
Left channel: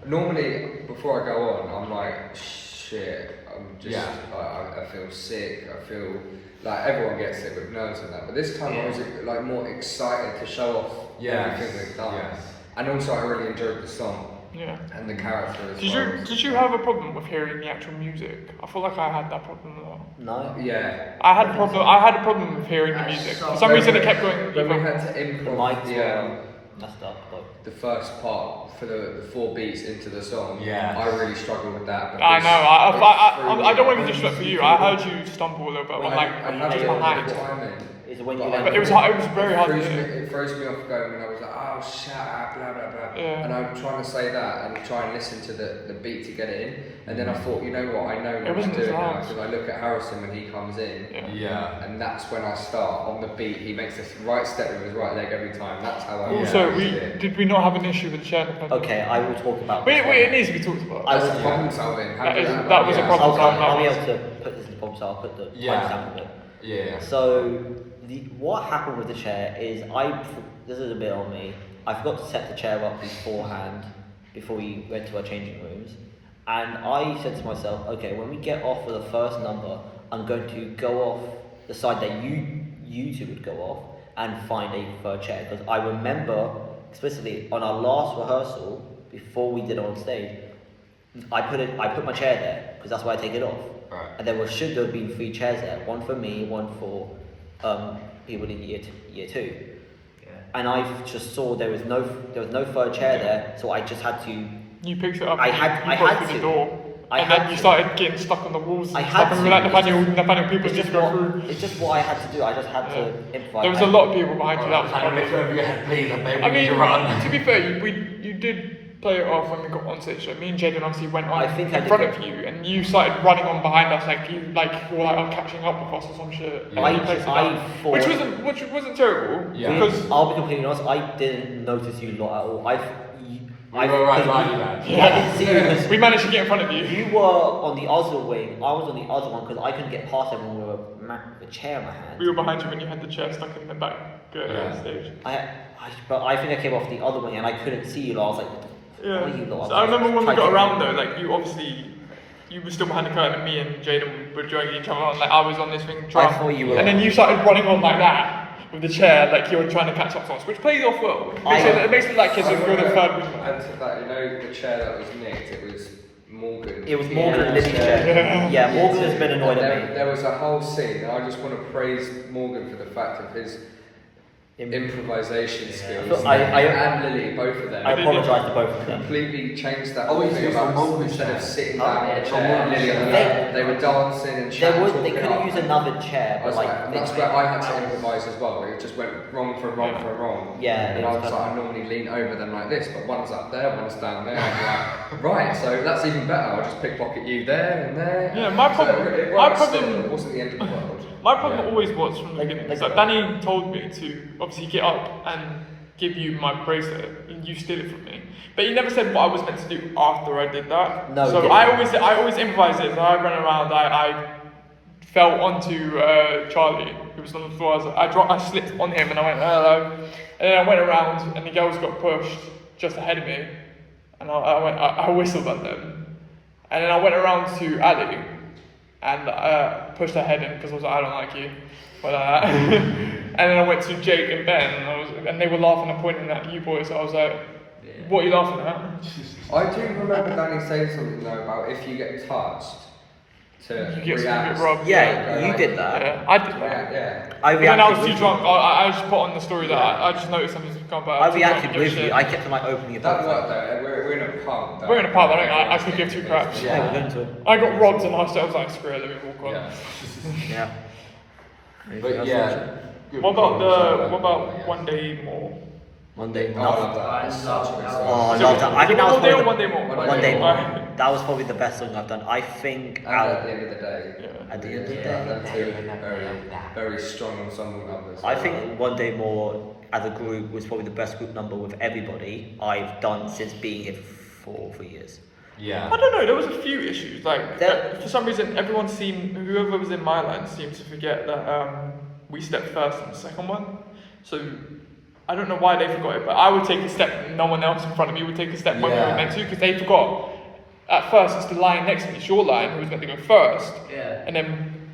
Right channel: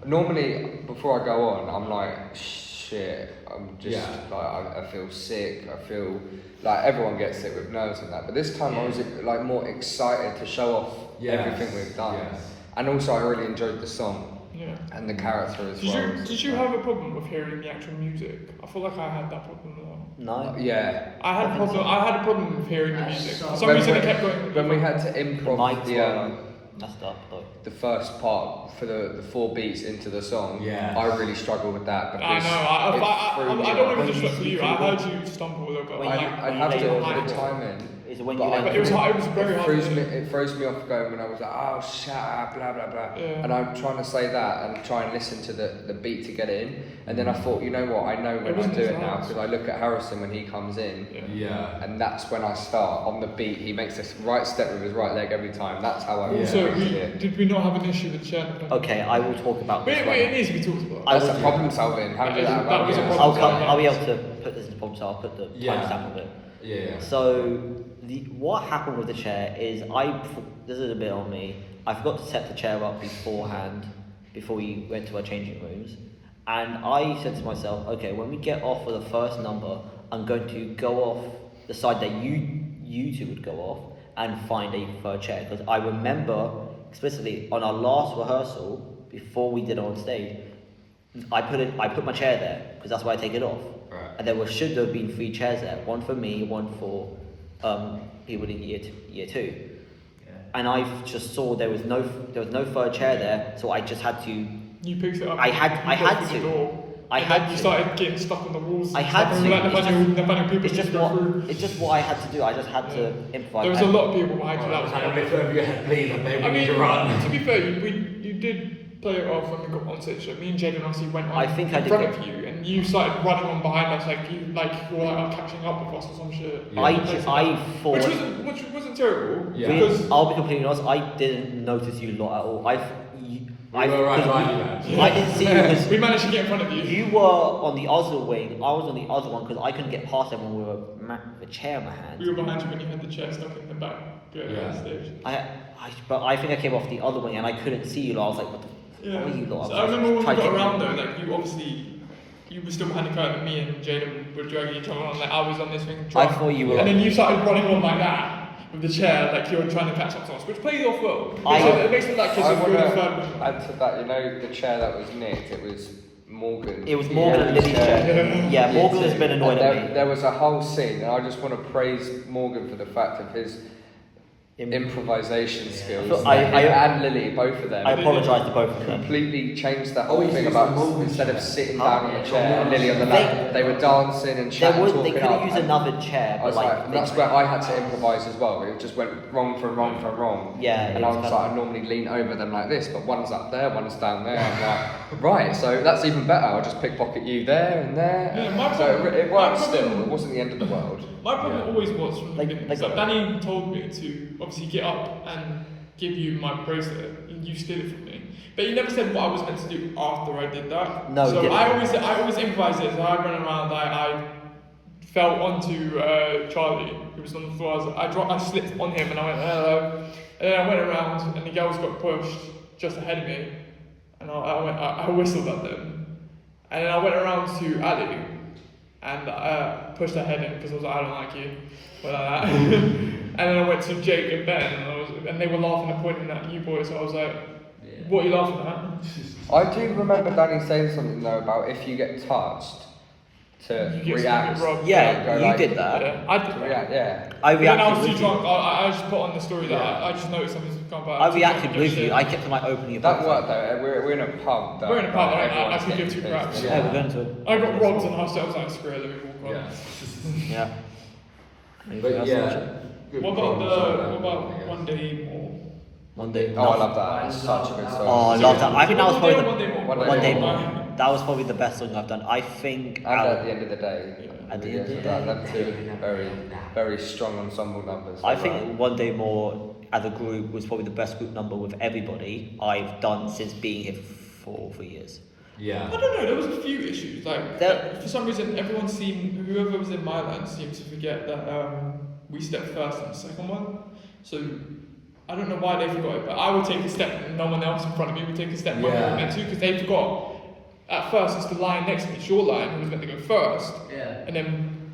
Normally, before I go on, I'm like, shit, I'm just, I feel sick, I feel, like everyone gets it with nerves and that, but this time I was like more excited to show off everything we've done. And also I really enjoyed the song. Yeah. And the character as well. Did you have a problem with hearing the actual music? I feel like I had that problem a lot. No. Yeah. I had a problem with hearing the music. For some reason it kept going. When we had to The improv mics were messed up though. the first part for the 4 beats into the song, I really struggled with that. I know. I don't want to disrupt for you. I heard you stumble a little bit. When Like, I have to put the time in. Is when you But let it was very hard. It throws me off going when I was like, oh, shut up, blah, blah, blah. Yeah. And I'm trying to say that and try and listen to the beat to get it in. And then I thought, you know what, I know what I'm doing now. Because I look at Harrison when he comes in. And that's when I start on the beat. He makes this right step with his right leg every time. That's how I Also, it. did we not have an issue with the chair? Okay, I will talk about this. It needs to be talked about. That's a problem solving. That was a problem. I'll be able to put this in the problem, so I'll put the timestamp of it. Yeah. So what happened with the chair is this is a bit on me. I forgot to set the chair up beforehand, before we went to our changing rooms, and I said to myself, okay, when we get off of the first number, I'm going to go off the side that you two would go off and find a third chair, because I remember explicitly on our last rehearsal before we did it on stage, I put my chair there because that's where I take it off. And there should have been 3 chairs there, one for me, one for people in year 2. And I just saw there was no third chair there, so I just had to. You picked it up. I had to. You started getting stuck on the walls. I had to. It's just what I had to do. I just had to improvise. There was a lot of people behind you. That was I mean, to be fair, you did play it off when we got on stage. So me and Jaden obviously went on in front of you, and you started running on behind us like you were catching up with us or some shit. I thought, which wasn't terrible. Because I'll be completely honest, I didn't notice you lot at all. I didn't see you because we managed to get in front of you. You were on the other wing. I was on the other one because I couldn't get past everyone with a chair in my hand. We were behind you when you had the chair stuck in the back stage. But I think I came off the other wing and I couldn't see you lot. I was like, what are you lot? So I remember when we got around though, like you were still behind the curtain and me and Jaden were dragging each other on, like I was on this wing. I thought you were. And then you started running on like that with the chair, like you were trying to catch up to us, which played off well. It makes me like you're so good at fun. Add to that, you know, the chair that was nicked, it was Morgan. It was Morgan and Lily's chair. Yeah, Morgan has been annoyed at me. There was a whole scene, and I just want to praise Morgan for the fact of his improvisation skills. And Lily, both of them. I apologise to both of them. Completely changed that whole thing about instead of sitting down in a chair and Lily on the lap, they were dancing and chatting. They could have used another chair, but that's where I had to improvise as well. It just went wrong for wrong. Yeah, and I was like, I normally lean over them like this, but one's up there, one's down there. I'm like, right, so that's even better. I'll just pickpocket you there and there. Yeah, my problem. It wasn't the end of the world. My problem always was from the beginning. So Danny told me to obviously get up and give you my bracelet, and you steal it from me. But he never said what I was meant to do after I did that. No, so I always improvised it. So I ran around. I fell onto Charlie, who was on the floor. I slipped on him, and I went hello. And then I went around, and the girls got pushed just ahead of me, and I whistled at them. And then I went around to Ali. And pushed her head in because I was like, I don't like you. And then I went to Jake and Ben, and they were laughing and pointing at you boys. So I was like, what are you laughing at? I do remember Danny saying something though about if you get touched to react. You did that. Yeah. I reacted with you. I just put on the story that I just noticed something's come back. I reacted with you. I kept on opening your That box. worked though. We're in a pub. We're in a pub. I could give 2 cracks. Yeah, we're going to it. I got rods and I was like, screw it, let me walk on. Yeah. Anything else? What about One Day More? Monday. I love that. I love that. I think that was probably One Day More. One Day More. That was probably the best song I've done. I think. And at the end of the day. At the end of the day. Very, very strong ensemble numbers. I think One Day More as a group was probably the best group number with everybody I've done since being here for 3 years. Yeah. I don't know, there was a few issues. Like, for some reason, whoever was in my land seemed to forget that we stepped first in the second one. So I don't know why they forgot it, but I would take a step and no one else in front of me would take a step when we were meant to, because they forgot. At first, it's the line next to me, it's your line, who was meant to go first. Yeah. And then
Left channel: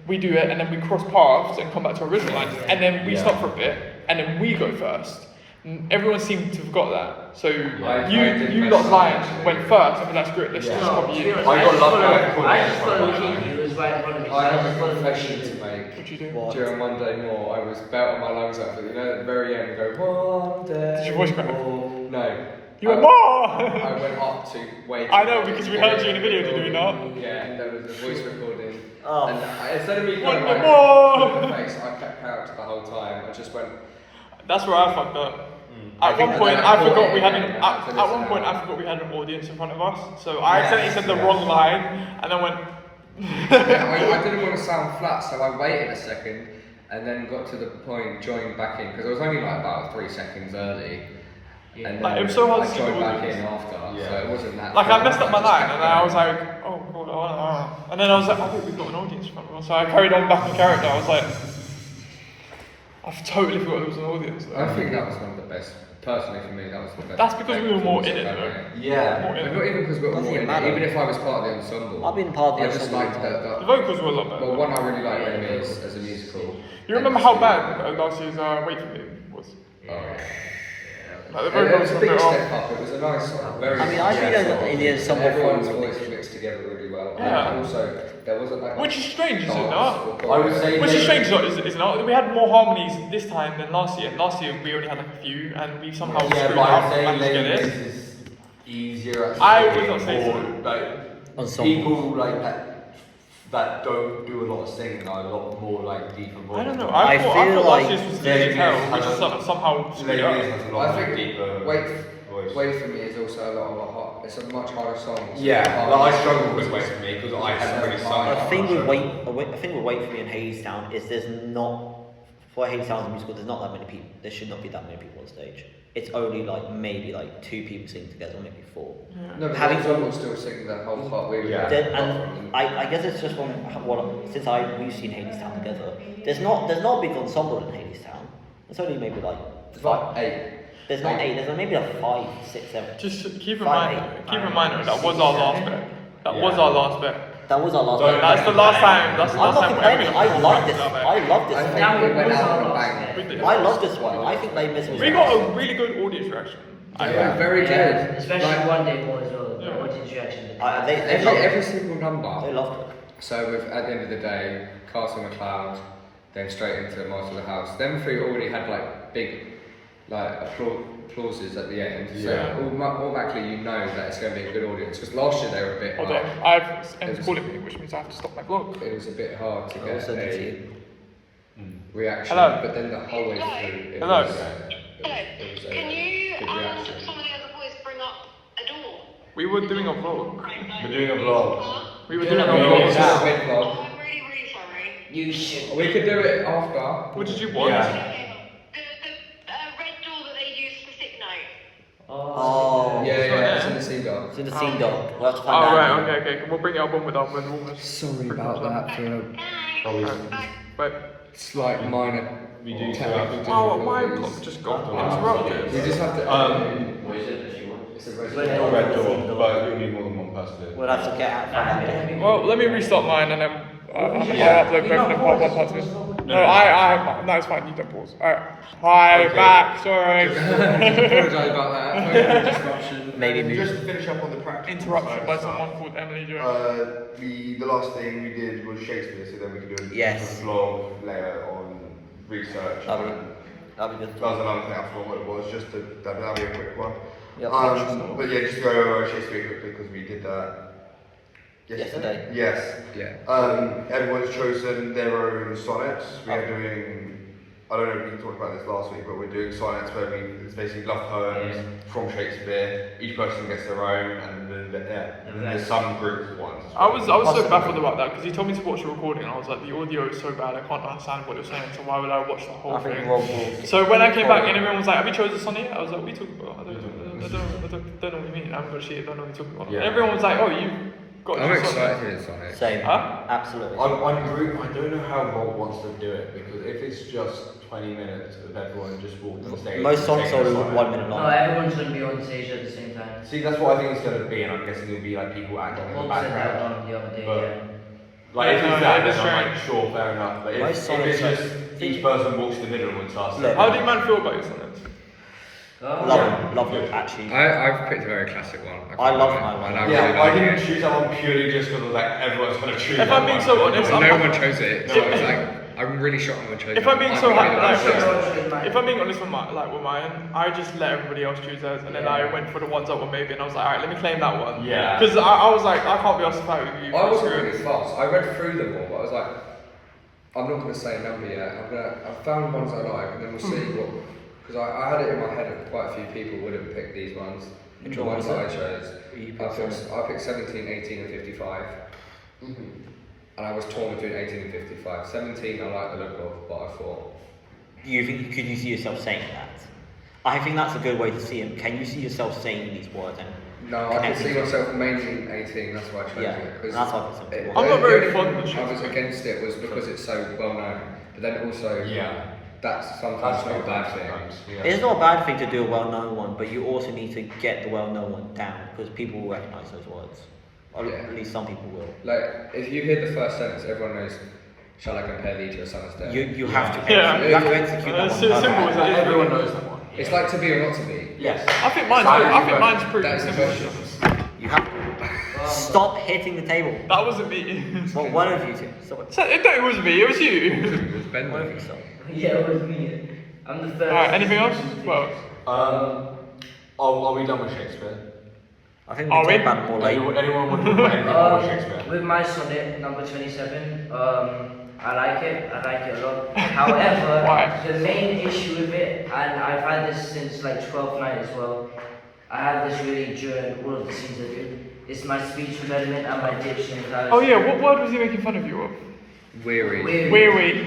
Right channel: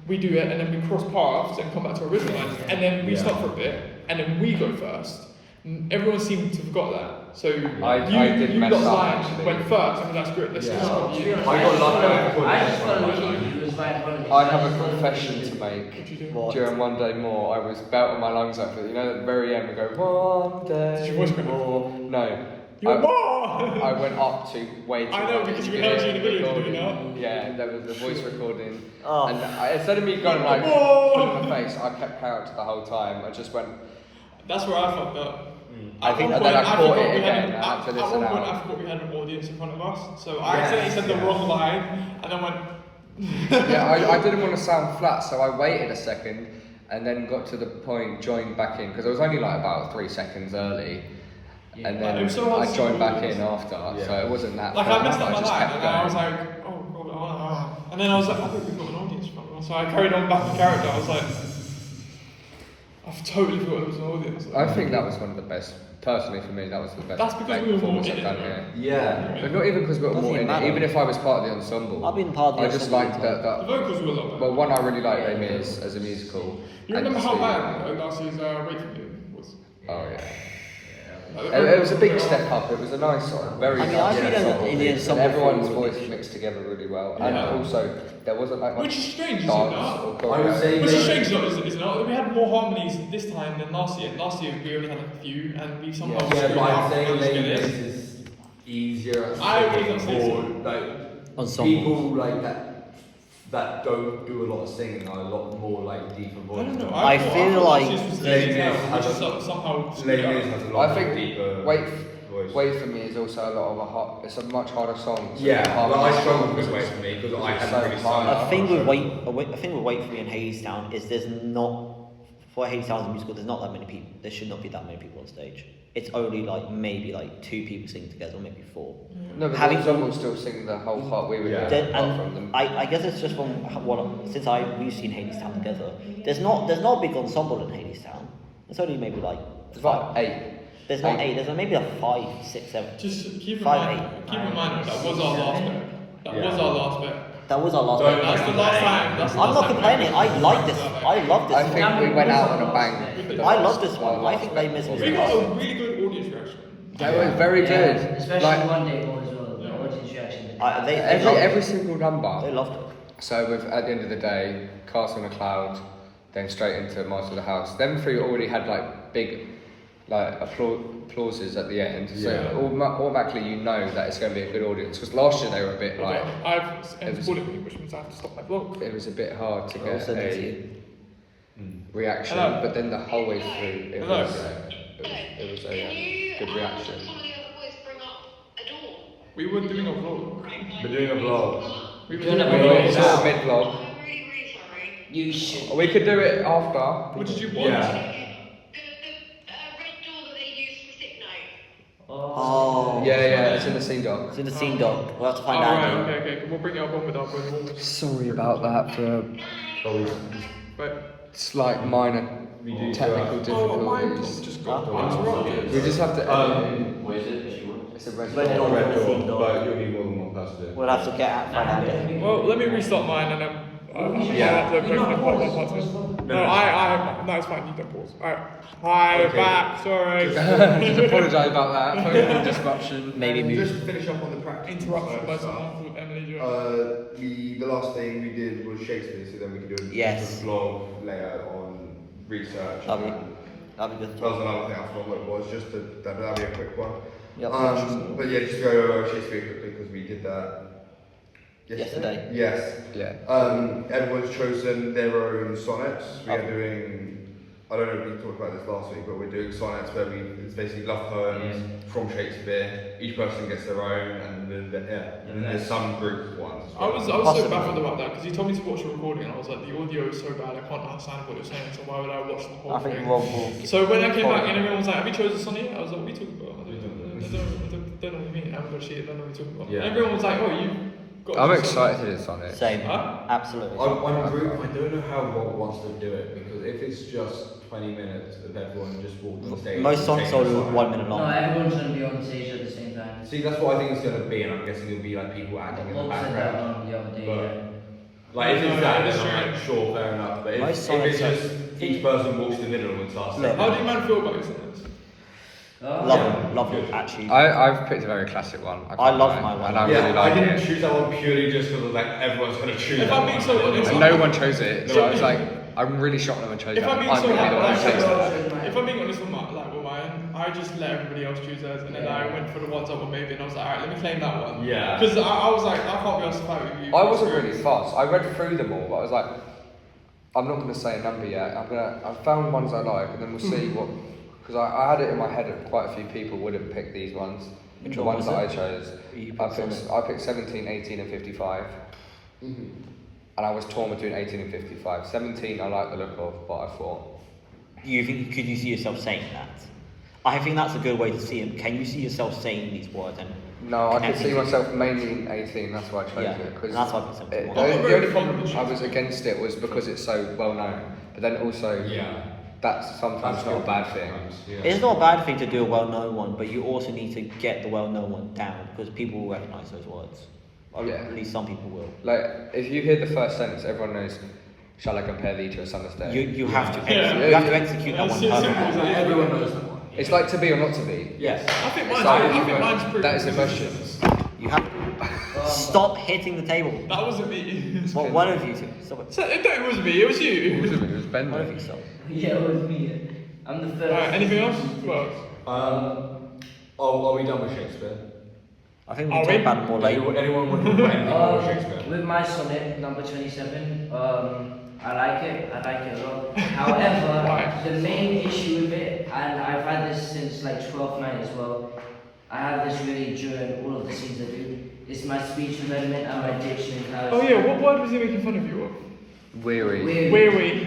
we do it, and then we cross paths and come back to our original line, and then we stop for a bit, and then we go first. And everyone seemed to have got that. So you lot lines went first, and that's good. Let's just copy you. I just followed Keith, who was right in front of me. I have a confession to make. During one day more, I was belting my lungs out, but you know, at the very end, we go, one day. Did your voice crack? No. You went, whoa! I went up to way too I know, because we heard you in the video, did we not? Yeah, and there was a voice recording. Oh. And instead of me going like, whoa! in the face, I kept character the whole time. I just went. That's where I fucked up. I think At one point, I forgot we had again, an audience in front of us. So I accidentally said the wrong line, and I went. Yeah, I didn't want to sound flat, so I waited a second, and then got to the point, joined back in, because I was only like about 3 seconds early. And then I joined back in after, so it wasn't that. Like I messed up my line, and I was like, and then I was like, I thought we've got an audience in front of us. So I carried on back in character. I was like, I've totally forgot there was an audience. I think that was one of the best. Personally, for me, that was the best. That's because we were more in it, though. Yeah. But not even because we were more in it. Even if I was part of the ensemble. I've been part of the I just ensemble. liked that. The vocals were a lot better. Well, one I really liked in is as a musical. You remember how bad last year's Wait For Me was? It was a big step up. It was a nice, very. I mean, I've been in the ensemble everyone's for voice mixed together really well. Yeah. And also, there wasn't like. Which is strange, is it not? I would say. Which is strange, is not. We had more harmonies this time than last year. Last year we only had like a few, and we somehow screwed but up I'm saying and maybe managed to this get it. is easier. I would not say so. Like Ensemble. people like that don't do a lot of singing are a lot more like deeper voice. I don't know. I feel like there's which is somehow screwed up. I think Wait For Me is also a lot of a hot. It's a much harder song. Yeah, like I struggle with Wait For Me because I hadn't really sung A thing with Wait For Me and Hadestown is there's not, for Hadestown as a musical, there's not that many people. There should not be that many people on stage. It's only like maybe like 2 people singing together, or maybe 4. No, but Having the will still sing the whole part. We were and I guess it's just from since we've seen Hadestown together. There's not a big ensemble in Hadestown. There's only maybe like 5. 8. There's not 8. There's maybe like 5, 6, 7. Just keep in 5, mind. Keep in mind that was our last bet. That was our last bet. That was our last. That's the last time. I'm not complaining. I like this. I love this I one. think we went out on a bang. I love this one. I think they missed me. We got a really good audience reaction. They were very good. Especially Like, one day more as well. The audience reaction. They loved every it. single number. They loved it. So at the end of the day, Castle on a Cloud, then straight into Master of the House. Them 3 already had like big like applauses at the end. So automatically you know that it's going to be a good audience. Because last year they were a bit like. I've recorded it, which means I have to stop my vlog. It was a bit hard to get send it to a you. reaction, Hello. but then the whole way through it Hello. was a good reaction. We were doing a vlog. We're doing a vlog. We were Doing doing a a vlog. vlog. It's just a big vlog. You should. We could do it after. What did you want? Oh. Yeah, it's in the scene doc. It's in the scene doc. We'll have to find Alright, out. okay. We'll bring it up with us when Sorry about that for Wait. slight minor technical difficulties. Just go. We just have to. Red Dawn, Red the scene Dawn, doc. but you'll need more than one person. We'll have to find out. Well, let me restart mine and then. No, it's fine. You don't pause. Alright. Hi, back. Sorry. Apologise about that. For the disruption. Maybe Just move. to finish up on the practice. Interruption by someone called Emily Jones. The last thing we did was Shakespeare, so then we could do a Yes. vlog later on research. That'd be good. That was another thing I forgot what it was, just to, that'd be a quick one. Yep. But yeah, just go over Shakespeare quickly because we did that Yesterday. Yes. Yeah. Everyone's chosen their own sonnets. We're Okay. doing, I don't know if we talked about this last week, but we're doing sonnets where it's basically love poems from Shakespeare. Each person gets their own, and then there's some groups of ones. I was Possibly. so baffled about that because he told me to watch the recording and I was like, the audio is so bad, I can't understand what you're saying, so why would I watch the whole I think thing? Rob will. So when I came back and everyone was like, have you chosen sonnet? I was like, what are you talking about? I don't know what you mean. I haven't got shit, I don't know what you're talking about. Yeah. And everyone was like, oh, you I'm excited for this sonnet. Same, absolutely. I don't know how Rob wants to do it because if it's just 20 minutes of everyone just walking on stage. Most songs are 1 minute No, long. everyone's going to be on stage at the same time. See, that's what I think it's going to be, and I'm guessing it'll be like people acting in the Bob said that background. one the other day, But- yeah. Like, if it's that, that's then I'm right. like, sure, fair enough. But Most if sonnets it's are- just each person walks in the middle and starts Look. How do you man feel about this? Love them, actually. I've picked a very classic one. I love can't my lie, one. and I really Yeah, I like it. didn't choose that one purely just because like everyone's going to choose If that I'm being one. so honest, And no one chose it, so I was like, I'm really shocked no one chose If that. I'm being I'm so really honest, upset. if I'm being honest with mine, I just let everybody else choose theirs, and then I went for the ones that were maybe, and I was like, alright, let me claim that one. Yeah. Because I was like, I can't be justified with you. I wasn't really fast. I read through them all, but I was like, I'm not going to say a number yet. I found ones I like, and then we'll see what. Because I had it in my head that quite a few people wouldn't pick these ones. Which The one ones was that I it? chose. You I picked picked 17, 18, and 55. And I was torn between 18 and 55. 17 I like the look of, but I thought. Could you see yourself saying that? I think that's a good way to see him. Can you see yourself saying these words and No, I could connecting see to- myself mainly in 18, that's why I chose Yeah, it. and that's why I picked 71. I'm not The very only fond of thing the I was against it was because it's so well known. But then also, Yeah. that's sometimes not a bad thing. It's not a bad thing to do a well-known one, but you also need to get the well-known one down because people will recognise those words. Or Yeah. at least some people will. Like, if you hear the first sentence, everyone knows, shall I compare thee to a summer's day? You have to Yeah. you have to execute that one It's simple as perfectly. that. Everyone knows that one. It's like to be or not to be. Yes. I think So, mine's pretty. that is the question. You have stop hitting the table. That wasn't me. Well, one of you two. Stop it. So, that was me, it was you. It was Ben. One of you stop. Yeah, it was me. I'm the first. Alright, anything else? Well, Are we done with Shakespeare? I think we can talk about it more later. Anyone want to play anything more Shakespeare? With my sonnet, number 27, I like it a lot. However, the main issue with it, and I've had this since like 12th night as well, I have this really during all of the scenes I do, it's my speech development and my diction. oh yeah, what word was he making fun of you of? Weary. Weary.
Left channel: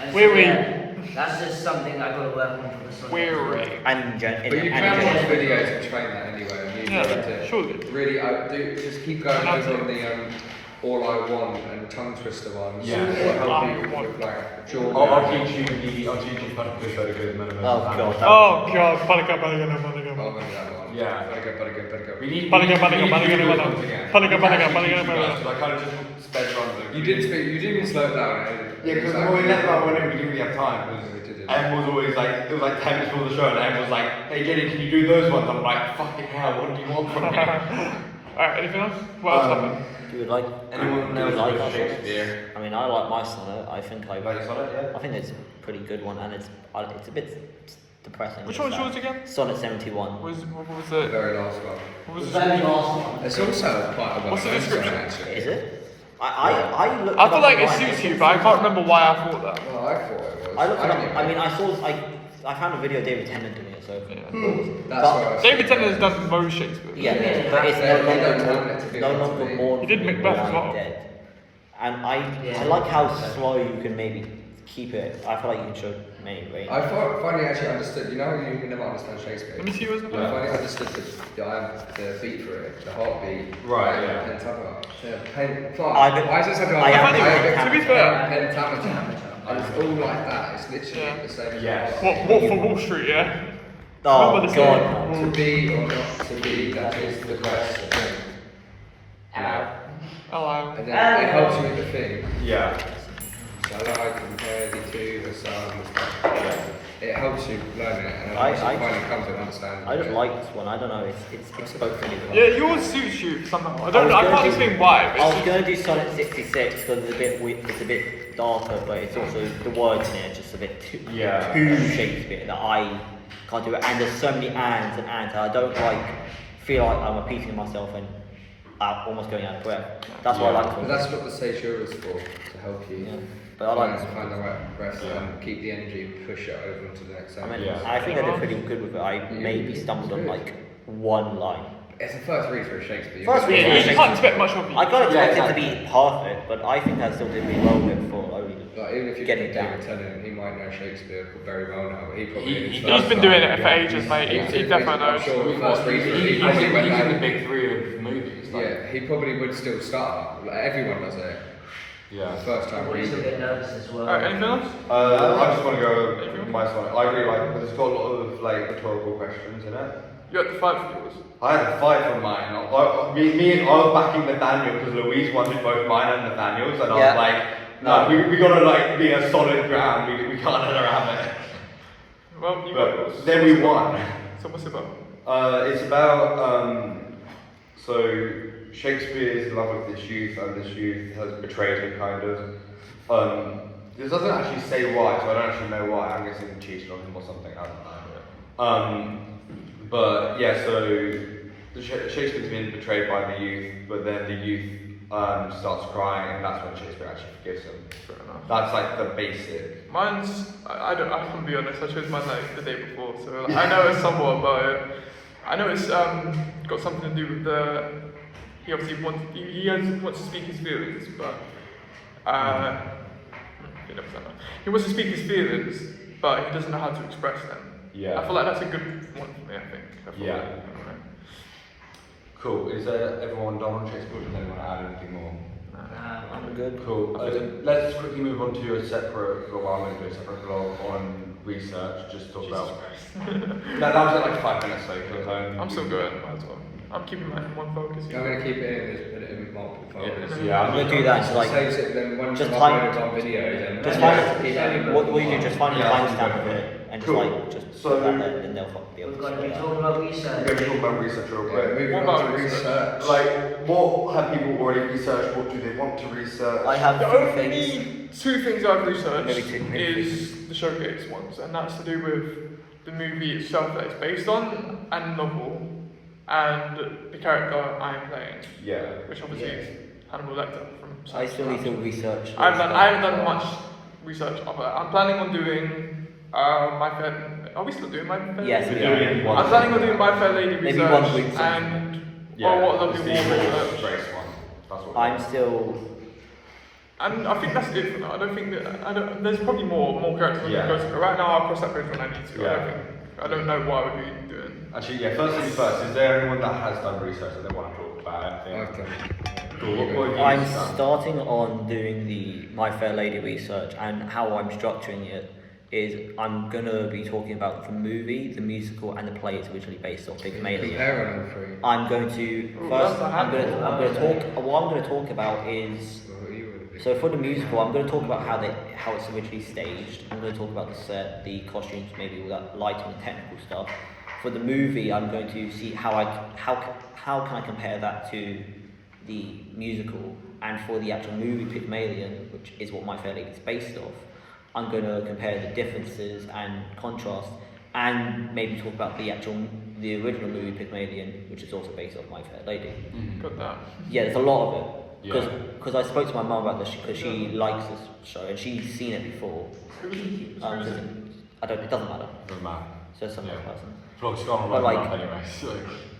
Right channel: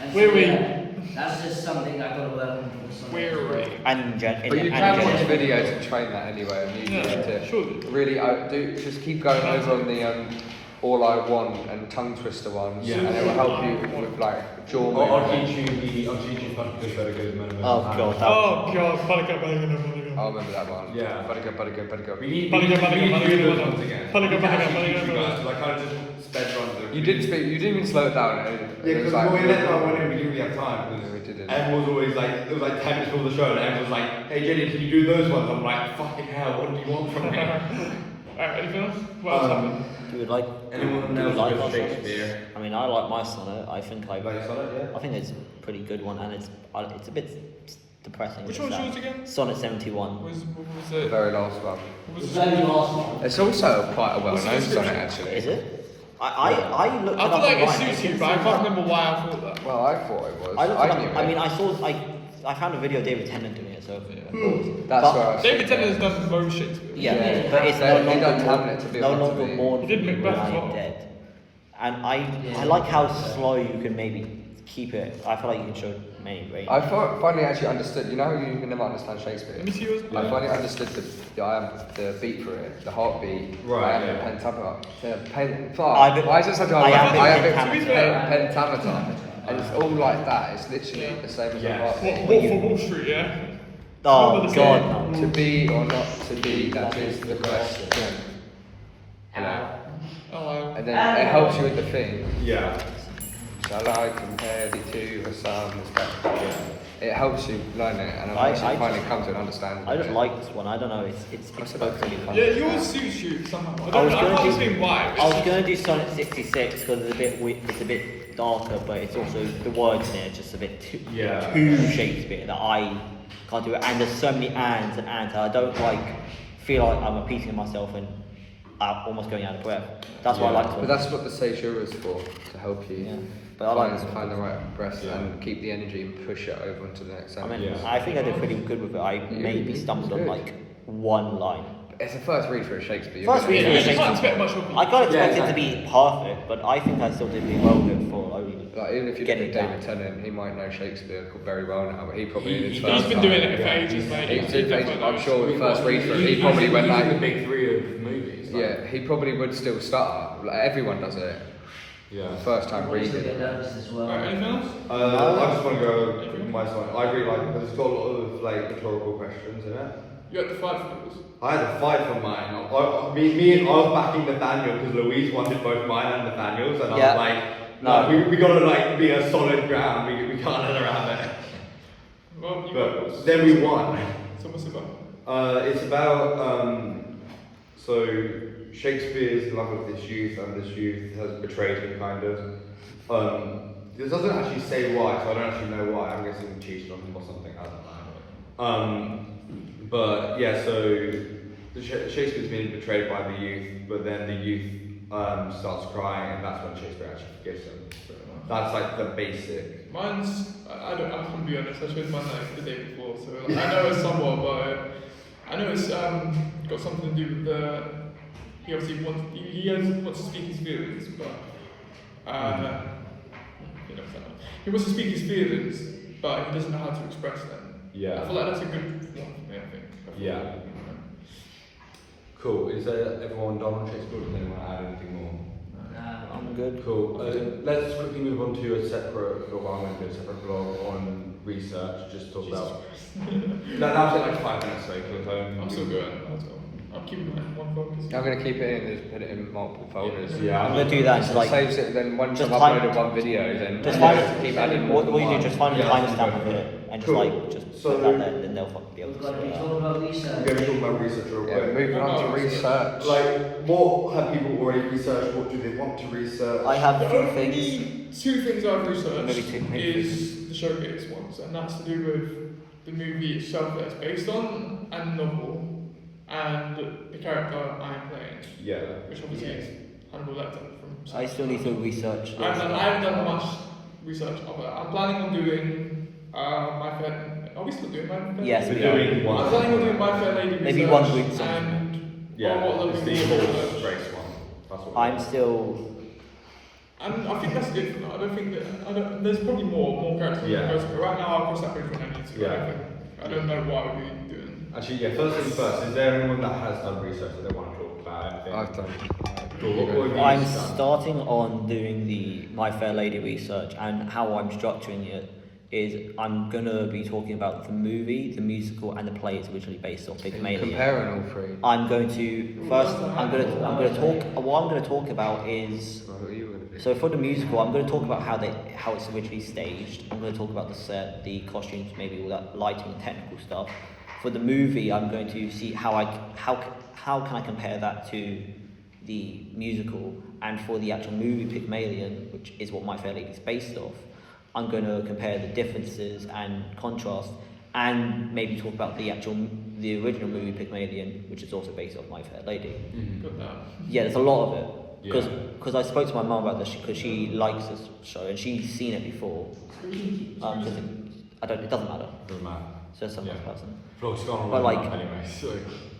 And Weary. yeah, that's just something I gotta work on for the sonnet. Weary. And But you can watch general. videos to train that anyway, and you Yeah, learn to surely. really just keep going over on the all I want and tongue twister ones, Yeah. and it'll help you with like jaw. I'll teach you just very good. Oh god, that Oh god, Panica. I remember that one. Yeah. Better go. We need Panica. to do those ones again. Panica. I kind of just sped run. You didn't speak. You didn't even slow it down. Yeah, It was because like, when we left that one, we didn't really have time. We didn't. Everyone was always like, it was like 10 minutes before the show, and everyone was like, hey Jenny, can you do those ones? I'm like, fucking hell, what do you want from me? Alright, anything else? What else happened? do you like Anyone do you knows like about our sonnets? Shakespeare? I mean I like my sonnet. I think Like sonnet, yeah? I think it's a pretty good one and it's a bit depressing. Which it's one that. was again? Sonnet 71. What was The it? very last one. What was The very last one. It's also quite a What's the well-known song description? actually. Is it? I looked it I up feel like online. it suits you, but I can't remember why I thought that. Well, I thought it was. I looked it didn't up. I know. mean, I found a video of David Tennant doing it, so of course. That's But- what I was David thinking. Tennant does most Shakespeare. Yeah, but it's no He longer don't want it to be no meant to longer be. mourn He for did me make when both I am songs. dead. And I like how slow you can maybe keep it. I feel like you can show many range. I finally actually understood. You know, you can never understand Shakespeare. Let me see yours. I finally understood the beat for it, the heartbeat. Right, like, yeah. Pentameter. Yeah, fuck. I bet- Why is it such a I am I a bet pentameter. pentameter. And it's all like that. It's literally the same as Yeah. the heartbeat. What for Wall Street, yeah? Oh Remember the god, song? no. To be or not to be, that is the question. Hello. Hello. And then it helps you with the thing. Yeah. Shall I compare the two the sun? It helps you learn it, and I- once you I- finally come to understand. I just like this one. I don't know. It's spoke to me. Yeah, yours suits you somehow. I was gonna just do- think why. I was going to do Sonnet 66 because it's a bit it's a bit darker, but it's also the words in it are just a bit too Yeah. too Shakespeare that I can't do it. And there's so many ands and ands. I don't feel like I'm repeating myself and almost going out of breath. That's why I like But Sonnet. that's what the Seizure is for, to help you. Yeah, but I like this find one. the right breath and keep the energy and push it over into the next I sentence. mean, I think I did pretty good with it. I maybe stumbled on like one line. It's a first read for a Shakespeare. First read for a You Shakespeare. can't expect much of I can't expect it to be perfect, but I think I still did really well with it for only Like, even if you getting get it down. David Tennant, he might know Shakespeare very well now, but he probably did He's first been time. doing it for ages, mate. He definitely I'm knows. sure the first read for it, he probably went the down. big three of movies. Yeah, it, he probably would still stutter. Like, everyone does it. Yeah. The first time Boys will get reading. nervous as well. Anything else? I just want to go with my sonnet. I agree, like, there's got a lot of like rhetorical questions in it. You got the 5 for yours. I had a 5 for mine. I was backing Nathaniel because Louise wanted both mine and Nathaniel's, and Yeah. I was like, no, we gotta like be a solid ground. We can't get around it. Well, But then we won. So what's it about? It's about so Shakespeare's love of this youth, and this youth has betrayed him, kind of. It doesn't actually say why, so I don't actually know why. I'm guessing he cheated on him or something. I don't know. But yeah, so Shakespeare's been betrayed by the youth, but then the youth starts crying, and that's when Shakespeare actually forgives him. That's like the basic. Mine's, I can be honest, I chose mine like the day before, so I know it's somewhat about it. I know it's got something to do with he obviously wants to speak his feelings, but he wants to speak his feelings, but he doesn't know how to express them. Yeah. I feel like that's a good one for me, I think. Yeah. Cool. Is everyone done on Shakespeare? Then add anything more? I'm good. Cool. Let's quickly move on to a separate blog on research. Just talk about. No, that was like 5 minutes though. I'm so good. I'm keeping my one focus. I'm going to keep it in, just put it in multiple folders. Yeah. I'm gonna do that. Just like Saves it, then once just you time- upload it on video, then just keep find adding what more. you do. Just find a Yeah. timestamp of it and just Cool. like just So- put that there, and they'll be able We've to got sort to it out. talk about We're research. going to talk about research real Yeah, quick. moving on to research. Like, what have people already researched? What do they want to research? I have The two only things. 2 things I've researched Maybe two, maybe three is the showcase ones, and that's to do with the movie itself that it's based on, and the novel, and the character I'm playing, Yeah. which obviously is Hannibal Lecter from. I still need to research. I those haven't stuff. done much research on that. I'm planning on doing My Fair. Are we still doing My Fair? Yes, we We're are. doing one. I'm planning on doing My Fair Lady Maybe research, one week something. and Yeah. what I'm it's looking the for. race one. That's what I'm still. And I think that's good for that. I don't think that there's probably more characters. Yeah. Right now, I'll cross that bridge when I need to. Yeah. I don't know what I would be doing. Actually, yeah, first things first, is there anyone that has done research that they want to talk about? I've done Cool. I'm starting on doing the My Fair Lady research, and how I'm structuring it is I'm gonna be talking about the movie, the musical, and the play it's originally based off, Pygmalion. Comparing all three. I'm going to first. I'm gonna talk. What I'm gonna talk about is. Well, you would- So for the musical, I'm going to talk about how it's originally staged. I'm going to talk about the set, the costumes, maybe all that lighting and technical stuff. For the movie, I'm going to see how can I compare that to the musical, and for the actual movie Pygmalion, which is what My Fair Lady is based off, I'm going to compare the differences and contrast, and maybe talk about the original movie Pygmalion, which is also based off My Fair Lady. Got that. Yeah, there's a lot of it. Yeah. Because I spoke to my mum about this because she likes this show and she's seen it before. It doesn't matter. It's just some other person. But like,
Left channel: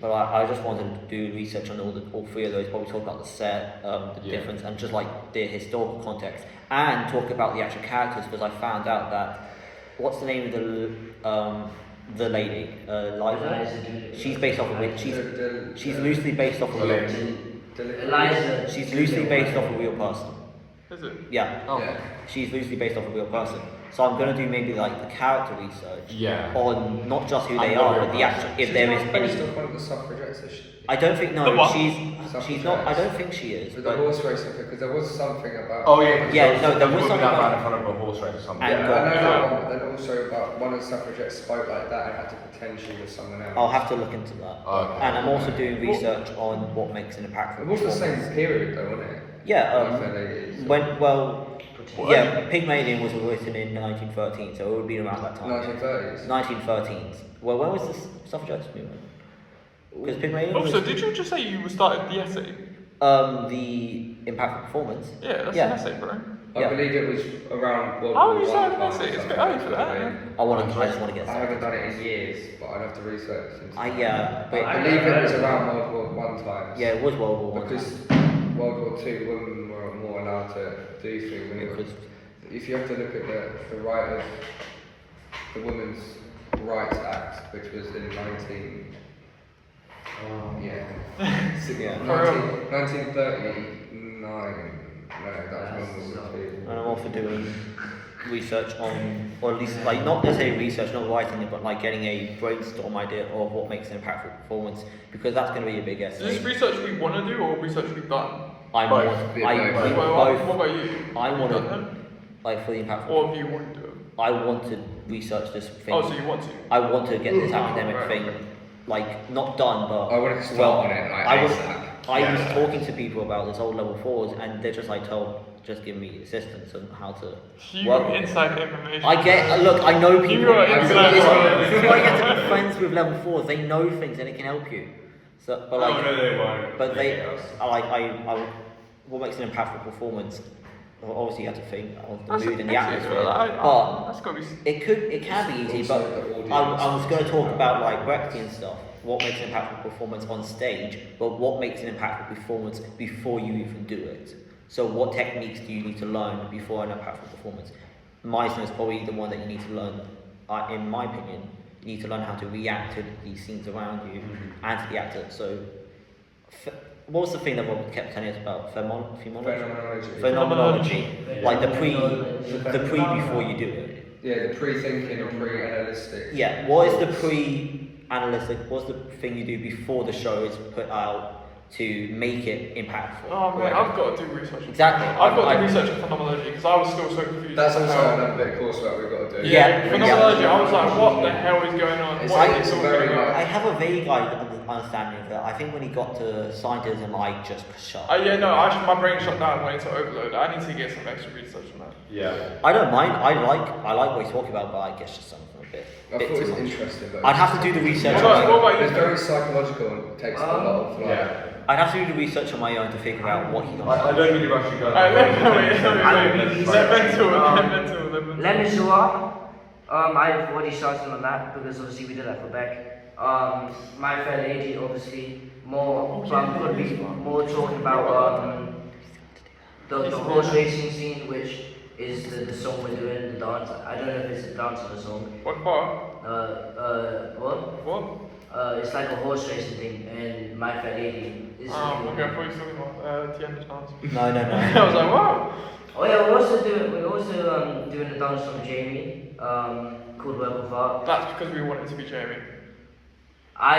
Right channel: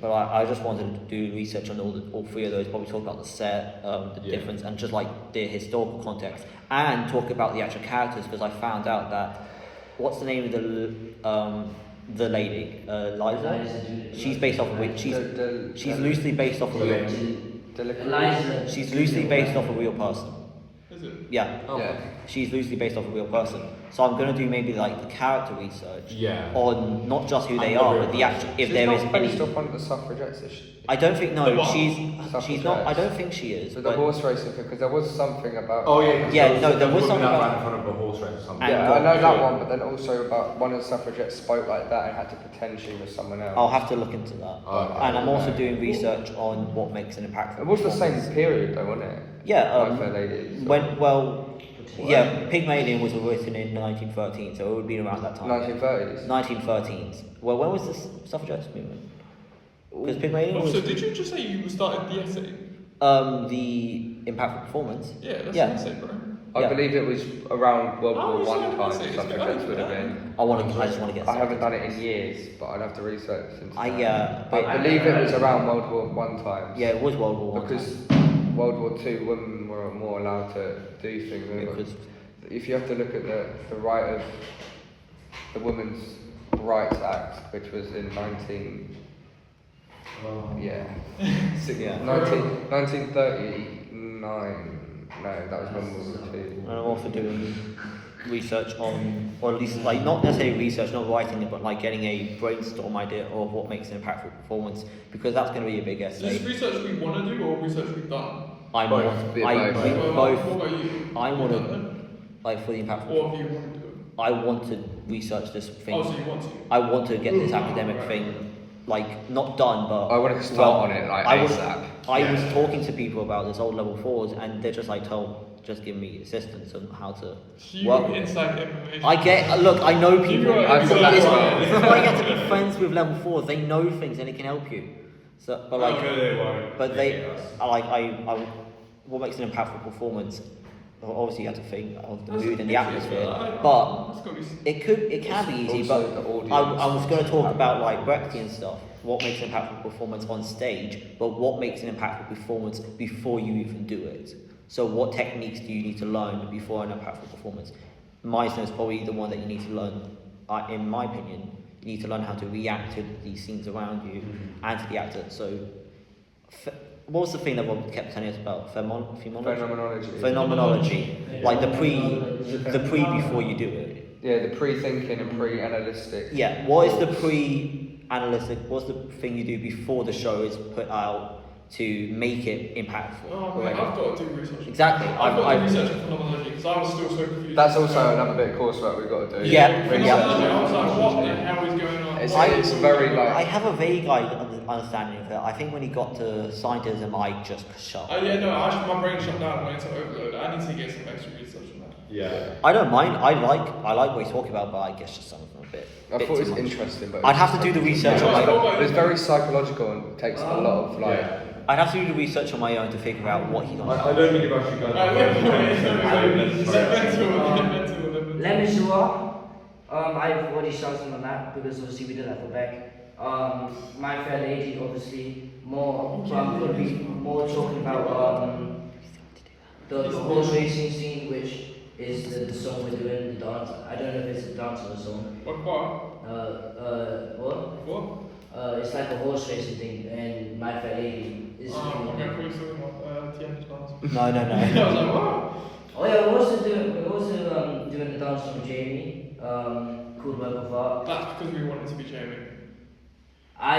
but I just wanted to do research on all 3 of those. Probably talk about the set, the difference, and just like the historical context, and talk about the actual characters because I found out that what's the name of the lady, Liza? She's based off of she's loosely based off a real. Eliza. She's loosely based off a real person. Is it? Yeah. Yeah. She's loosely based off a real person. So I'm going to do maybe like the character research on not just who they are, but the actual if there is any. Based off one of the suffragettes. I don't think The what? she's not. I don't think she is. With the But horse racing, because there was something about. Oh yeah. Yeah, no, there was something about- in front of a horse race or something. And Yeah, got- I know that one, but then also about one of the suffragettes spoke like that and had to pretend she was someone else. I'll have to look into that. Oh. And I'm also doing research on what makes an impactful It was the performance. same period though, wasn't it? Yeah. My Fair Lady, so- Yeah, Pygmalion was written in 1913, so it would be around that time. 1930s. 1913s. Well, when was the suffragettes movement? Because Pygmalion Oh, was so did you just say you started the essay? the impactful performance. Yeah, that's Yeah. an essay, right? I Yeah. believe it was around World How War is One that time or possible? something. It's That good. would have been. I just want to get I haven't started. done it in years, but I'd have to research. Into I that. but I believe it was around World War One time. yeah, it was World War One. Because World War Two, women were more allowed to do things. weren't they? Because If you have to look at the right of the Women's Rights Act, which was in 19. Yeah. Yeah. 1939. No, that was when we were And I'm also doing research on, or at least like not necessarily research, not writing it, but like getting a brainstorm idea of what makes an impactful performance, because that's going to be a big essay. Is this research we want to do or research we've done? We both. What about you? I want to, like for the impactful. What do you want to do? I want to research this thing. Oh, so you want to? I want to get this academic thing, like not done, but I want to start on it. I was talking to people about this old level 4s, and they're just like, just give me assistance on how to work with it. I get, look, I know people. It's why you have to be friends with level 4s. They know things and it can help you. So, but like, what makes an impactful performance? Well, obviously, you have to think of the mood and the atmosphere, but it can be easy. But I was going to talk about like Brechtian stuff. What makes an impactful performance on stage, but what makes an impactful performance before you even do it? So what techniques do you need to learn before an impactful performance? Meisner is probably the one that you need to learn, in my opinion. You need to learn how to react to these scenes around you and to the actor. So what was the thing that Rob kept telling us about? Phenomenology. Like the pre before you do it. Yeah, the pre-thinking and pre-analytic. Yeah, what is the pre-analytic, what's the thing you do before the show is put out to make it impactful? Oh man, I've got to do research. Exactly. I've got to do research on phenomenology because I was still so confused. That's also another bit of coursework we've got to do. Phenomenology, I was like, what the hell is going on? It's very like... I have a vague understanding of it. I think when he got to scientism, I just shut. My brain shut down when it's overload. I need to get some extra research on that. Yeah. I don't mind. I like what he's talking about, but I guess just something a bit I too thought it was much. interesting, but I'd have to do the research on my own. It's very psychological and takes a lot of like... I'd have to do the research on my own to figure out what he's on I about. don't need to rush you Les Miserables, I've already started on that because obviously we did that for Beck. My Fair Lady, obviously, could be more talking about the horse racing scene, which is the song we're doing, the dance. I don't know if it's a dance or a song. What part? What? What? It's like a horse racing thing, and My Fair Lady is. Okay, I thought you were talking about the end of dance. No. I was like, wow. Oh yeah, we're also doing a dance from Jamie, called Work of Art. That's because we wanted to be Jamie. I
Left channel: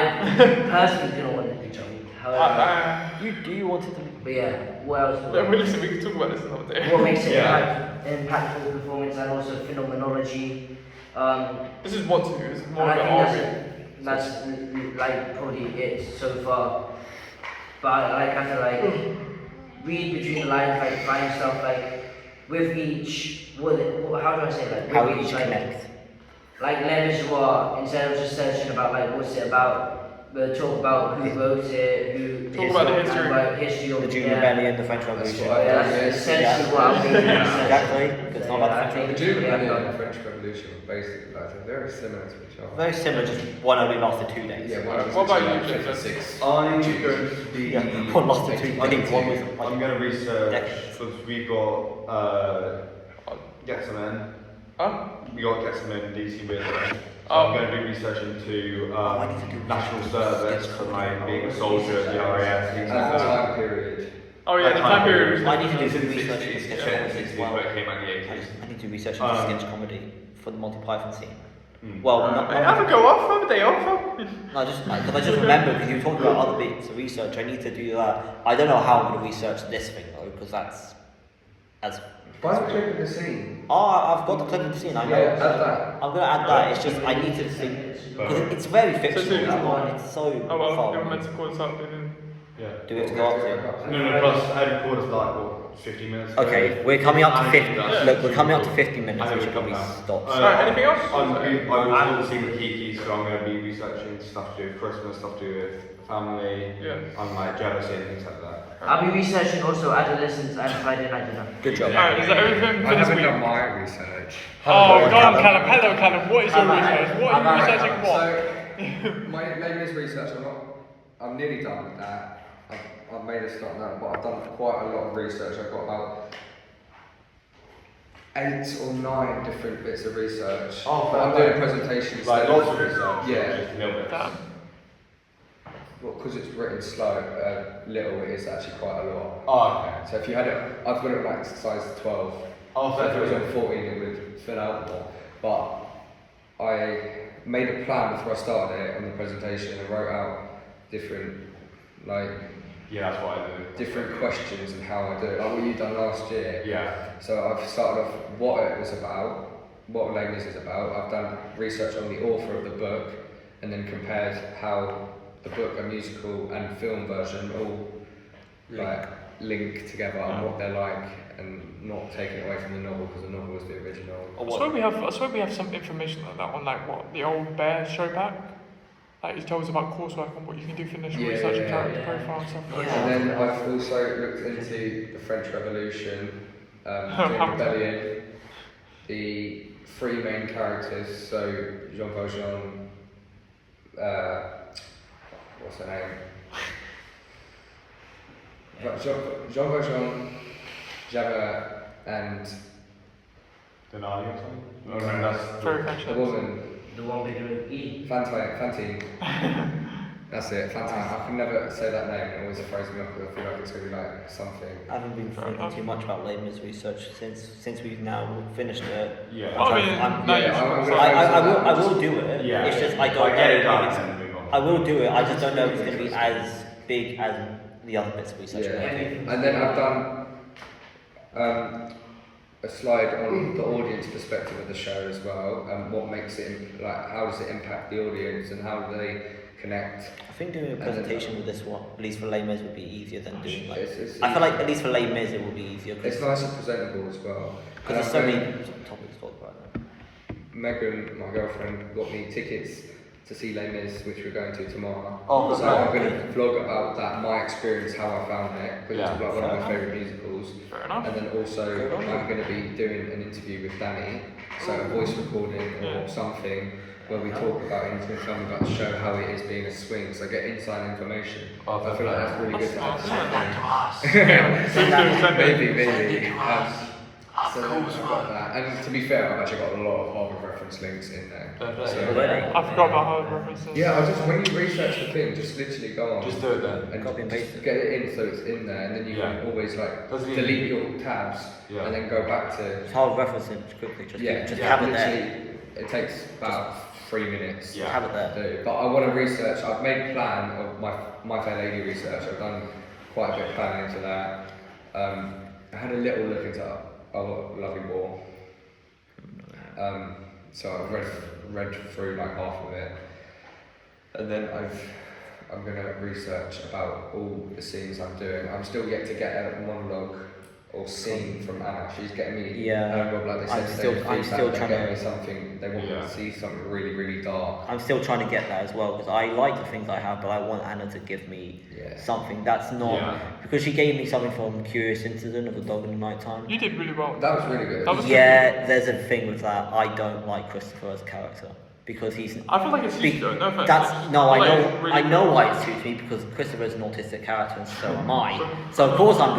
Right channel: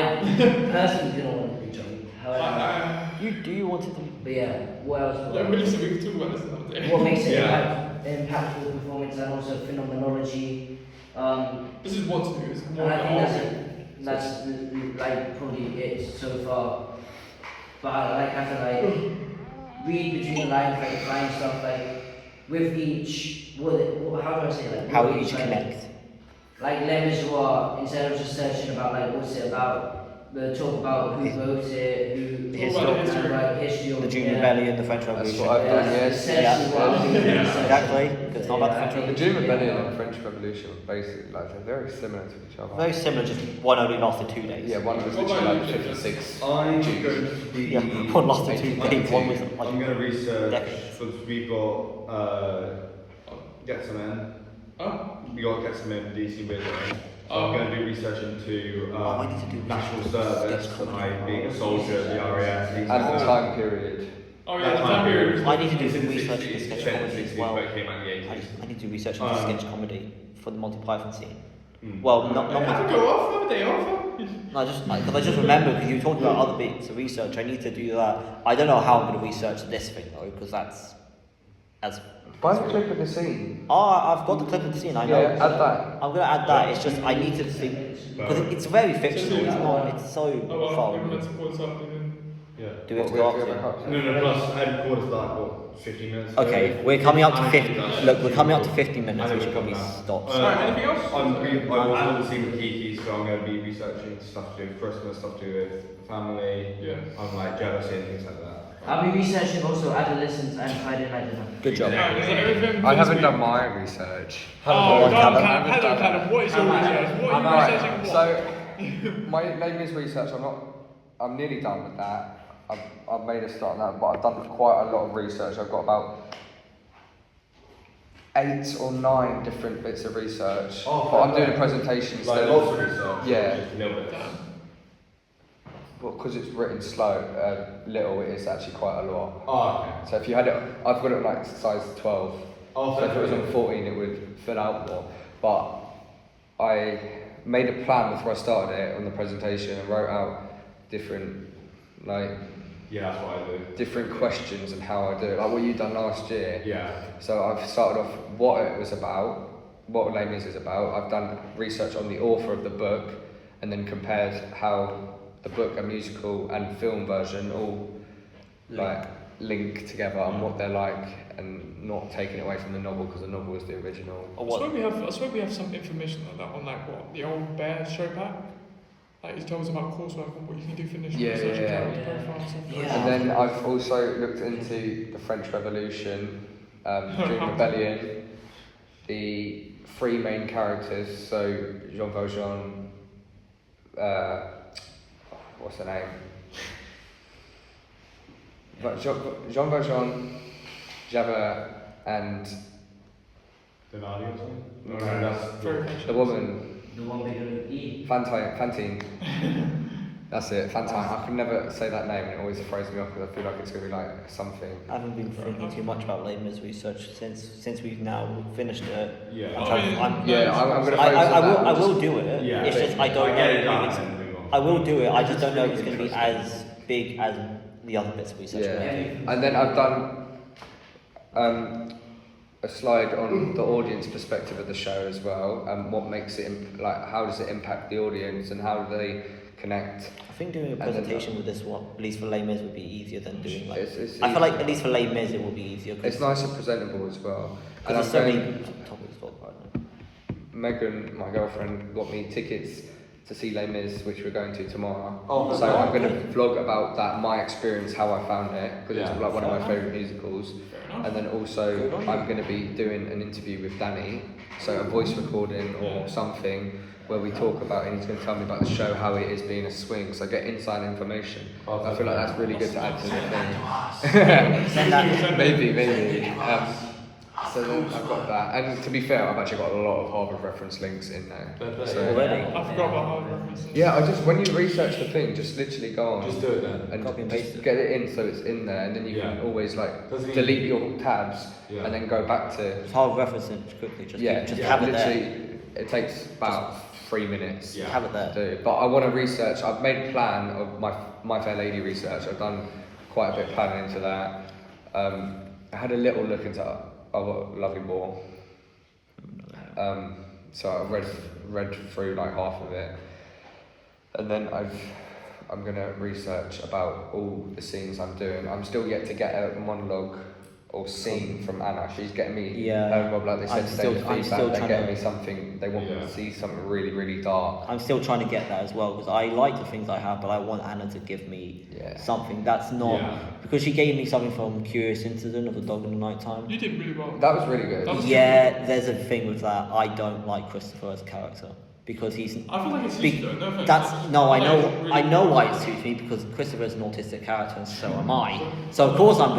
personally do not want it to be Jamie. However, You wanted to be. but yeah, what else? We can talk about this another day. What makes it impactful performance and also phenomenology. This is what to do. This is more And I think like that's like probably it so far. But I have to like read between the lines, like find stuff like with each. How do I say like? How with each connect. Like Les Miserables, instead of just searching about like what's it about, we'll talk about who wrote it, The history of the June Rebellion, the French Revolution. Essentially what I'm doing is Exactly, because it's not about the French The Revolution. June Rebellion and the French Revolution were basically like they're very similar to each other. Very similar, just one only lasted 2 days. Yeah, one was What about literally you, like 56. I'm going to be... Yeah, one lasted 2 days, one was like I'm going to research, decades. because we've got, Get Some In. We got Get Some In, DC with it. I'm going to do research into I need to do national sketch service, comedy. like being a soldier at the RAF, things And like the that. time period. Oh yeah, time period. I need to do some research into sketch comedy as well. I need to do research into sketch comedy for the Monty Python scene. Well, not I have to go off on the day off. no, because I just remember because you were talking about other bits of research. I need to do that. I don't know how I'm going to research this thing though, because that's as. Find a clip of the scene. I've got the clip of the scene. I know. Yeah, add that. I'm going to add that. It's just I need to think because it's very fictional. It's not. It's so far. We're meant to call this up and Do we have to go up to? No, plus I thought it's like, what, 15 minutes? Okay, we're coming up to 50. Look, we're coming up to 50 minutes. We should probably stop. anything else? I'm seeing the Kiki, so I'm going to be researching stuff to do with Christmas, stuff to do with family, and like jealousy and things like that. I'll be researching also adolescents and Friday night dinner. Good job. Is that everything? I haven't done my research. Oh, on, Callum. Callum, what is your research? What are you researching what? So, my latest research, I'm nearly done with that. I've made a start on that, but I've done quite a lot of research. I've got about 8 or 9 different bits of research. Oh, but I'm doing presentations. Like so- lots of research. Yeah. Just a little bit. because it's written slow, little, it's actually quite a lot. Oh, okay. So if you had it, I've got it like size 12. Oh, So if it was on 14, it would fill out more. But I made a plan before I started it on the presentation. I wrote out different, like, Yeah, that's what I do. different questions and how I do it, like what you done last year. Yeah. So I've started off what it was about, what Les Mis is about. I've done research on the author of the book, and then compared how the book, a musical and film version, all like link together and what they're like, and not taking it away from the novel because the novel was the original. I swear we have some information on that one, like what the old Bear show back. Like he tells us about coursework and what you can do for initial research and character profile and stuff. And then I've also looked into the French Revolution, during rebellion, the three main characters, so Jean Valjean, what's her name? Jean Valjean, Javert, and Denali or something? No, Very the woman, The one beginning with E. Fantine. That's it, Fantine. I can never say that name, it always throws me off because I feel like it's going to be like something. I haven't been thinking too much about Les Mis research since we've now finished it. Yeah. I'm gonna I will do it. Yeah. It's just I don't know if it's. I will do it. I just don't know if it's going to be as big as the other bits of research. Yeah. I'm going to do. And then I've done a slide on the audience perspective of the show as well, and what makes it like how does it impact the audience and how do they connect. I think doing a presentation with this one, at least for Les Mis, would be easier than doing like. It's I feel like at least for Les Mis it will be easier it's nice and presentable as well. because there's so many topics to talk about now. Megan, my girlfriend, got me tickets to see Les Mis, which we're going to tomorrow. Oh, so I'm going to vlog about that, my experience, how I found it, because it's like one of my Fair favourite musicals. Fair enough. And then also I'm going to be doing an interview with Danny, so a voice recording or something where we talk about it, and he's going to tell me about the show, how it is being a swing, so I get inside information. I feel like that's really good to add to the thing. maybe. So then I've got that, and to be fair, I've actually got a lot of Harvard reference links in there. So, Already. I forgot about my references. yeah, I just when you research the thing, just literally go on. Just do it then. And Copy and paste just it. get it in so it's in there, and then you can always like delete your tabs and then go back to. Just hold referencing quickly. Just have it there. literally, it takes about 3 minutes. Have it there. To do. But I want to research. I've made a plan of my Fair Lady research. I've done quite a bit of planning into that. I had a little look into Lovely Ball. So I read through like half of it, and then I'm gonna research about all the scenes I'm doing. I'm still yet to get a monologue or scene from Anna. She's getting me like they said I'm still trying getting to. me something. They want me to see something really, really dark. I'm still trying to get that as well because I like the things I have, but I want Anna to give me something that's not because she gave me something from Curious Incident of the Dog in the Nighttime. You did really well. That was really good. There's a thing with that. I don't like Christopher as a character because he's. I feel like it's suits you, no offense. I know why it suits me because Christopher is an autistic character and so am I. So of course I'm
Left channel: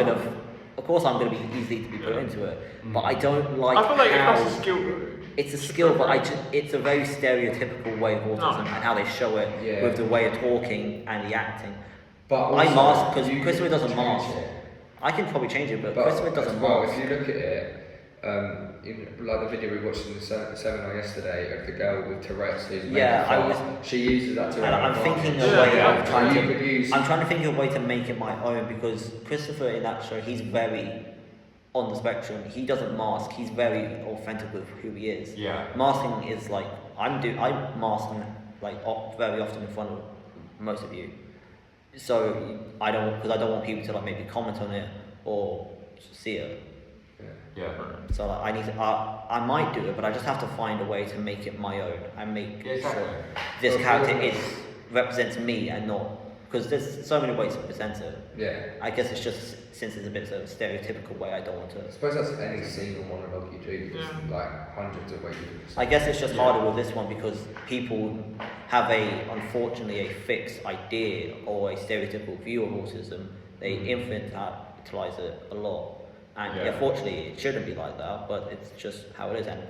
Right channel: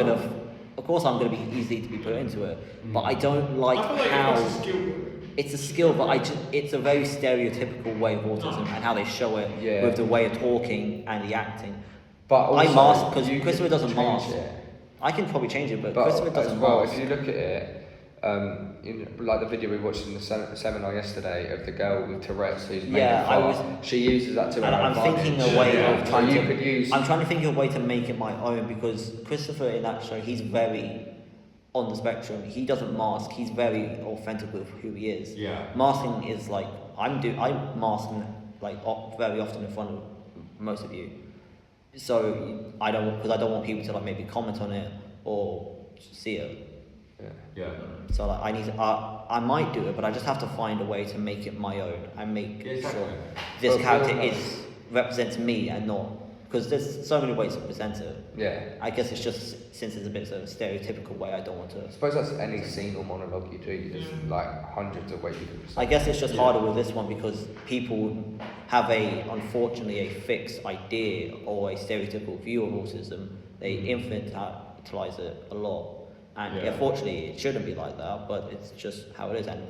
gonna be easy to be put into it, but I don't like I feel like how. it's a skill. It's a skill, but it's a very stereotypical way of autism and how they show it with the way of talking and the acting. But also, I mask because you Christopher can doesn't change mask. it. I can probably change it, but Christopher doesn't well, mask. if you look at it, in like the video we watched in the seminar yesterday of the girl with Tourette's, she uses that to. And I'm thinking a way of trying you to. could use- I'm trying to think of a way to make it my own because Christopher in that show, he's very on the spectrum. He doesn't mask. He's very authentic with who he is. Yeah. Masking is like I'm masking like very often in front of most of you. So I don't want people to like maybe comment on it or see it. Yeah. So like, I need to. I might do it, but I just have to find a way to make it my own and make sure this character represents me and not because there's so many ways to present it. Yeah. I guess it's just since it's a bit of a stereotypical way, I don't want to. I suppose that's any single monologue you do. There's like hundreds of ways you can. I guess it's just harder with this one because people have unfortunately a fixed idea or a stereotypical view of autism. They infantilize it a lot. And unfortunately, it shouldn't be like that, but it's just how it is. And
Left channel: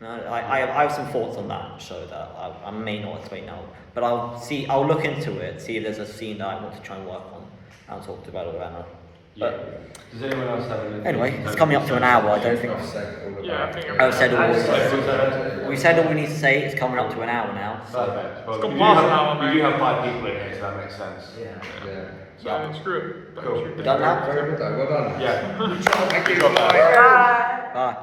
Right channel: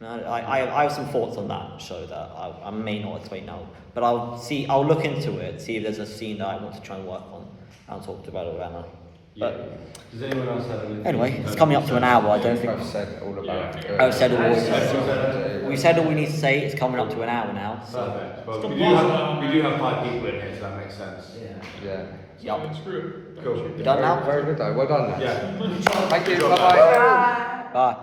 I have some thoughts on that show that I may not explain now, but I'll look into it, see if there's a scene that I want to try and work on, and talk to about Anna. But Does anyone else have anything? anyway, it's coming up to an hour. I don't think I've said all about it. I've said all. We said all we need to say. It's coming up to an hour now. So Perfect. Well, Come we do on. have 5 people in here, so that makes sense. Yeah. yeah, Screw it. Cool. we done now. Very good though. Well done. Yeah. Thank you. Bye bye. Bye.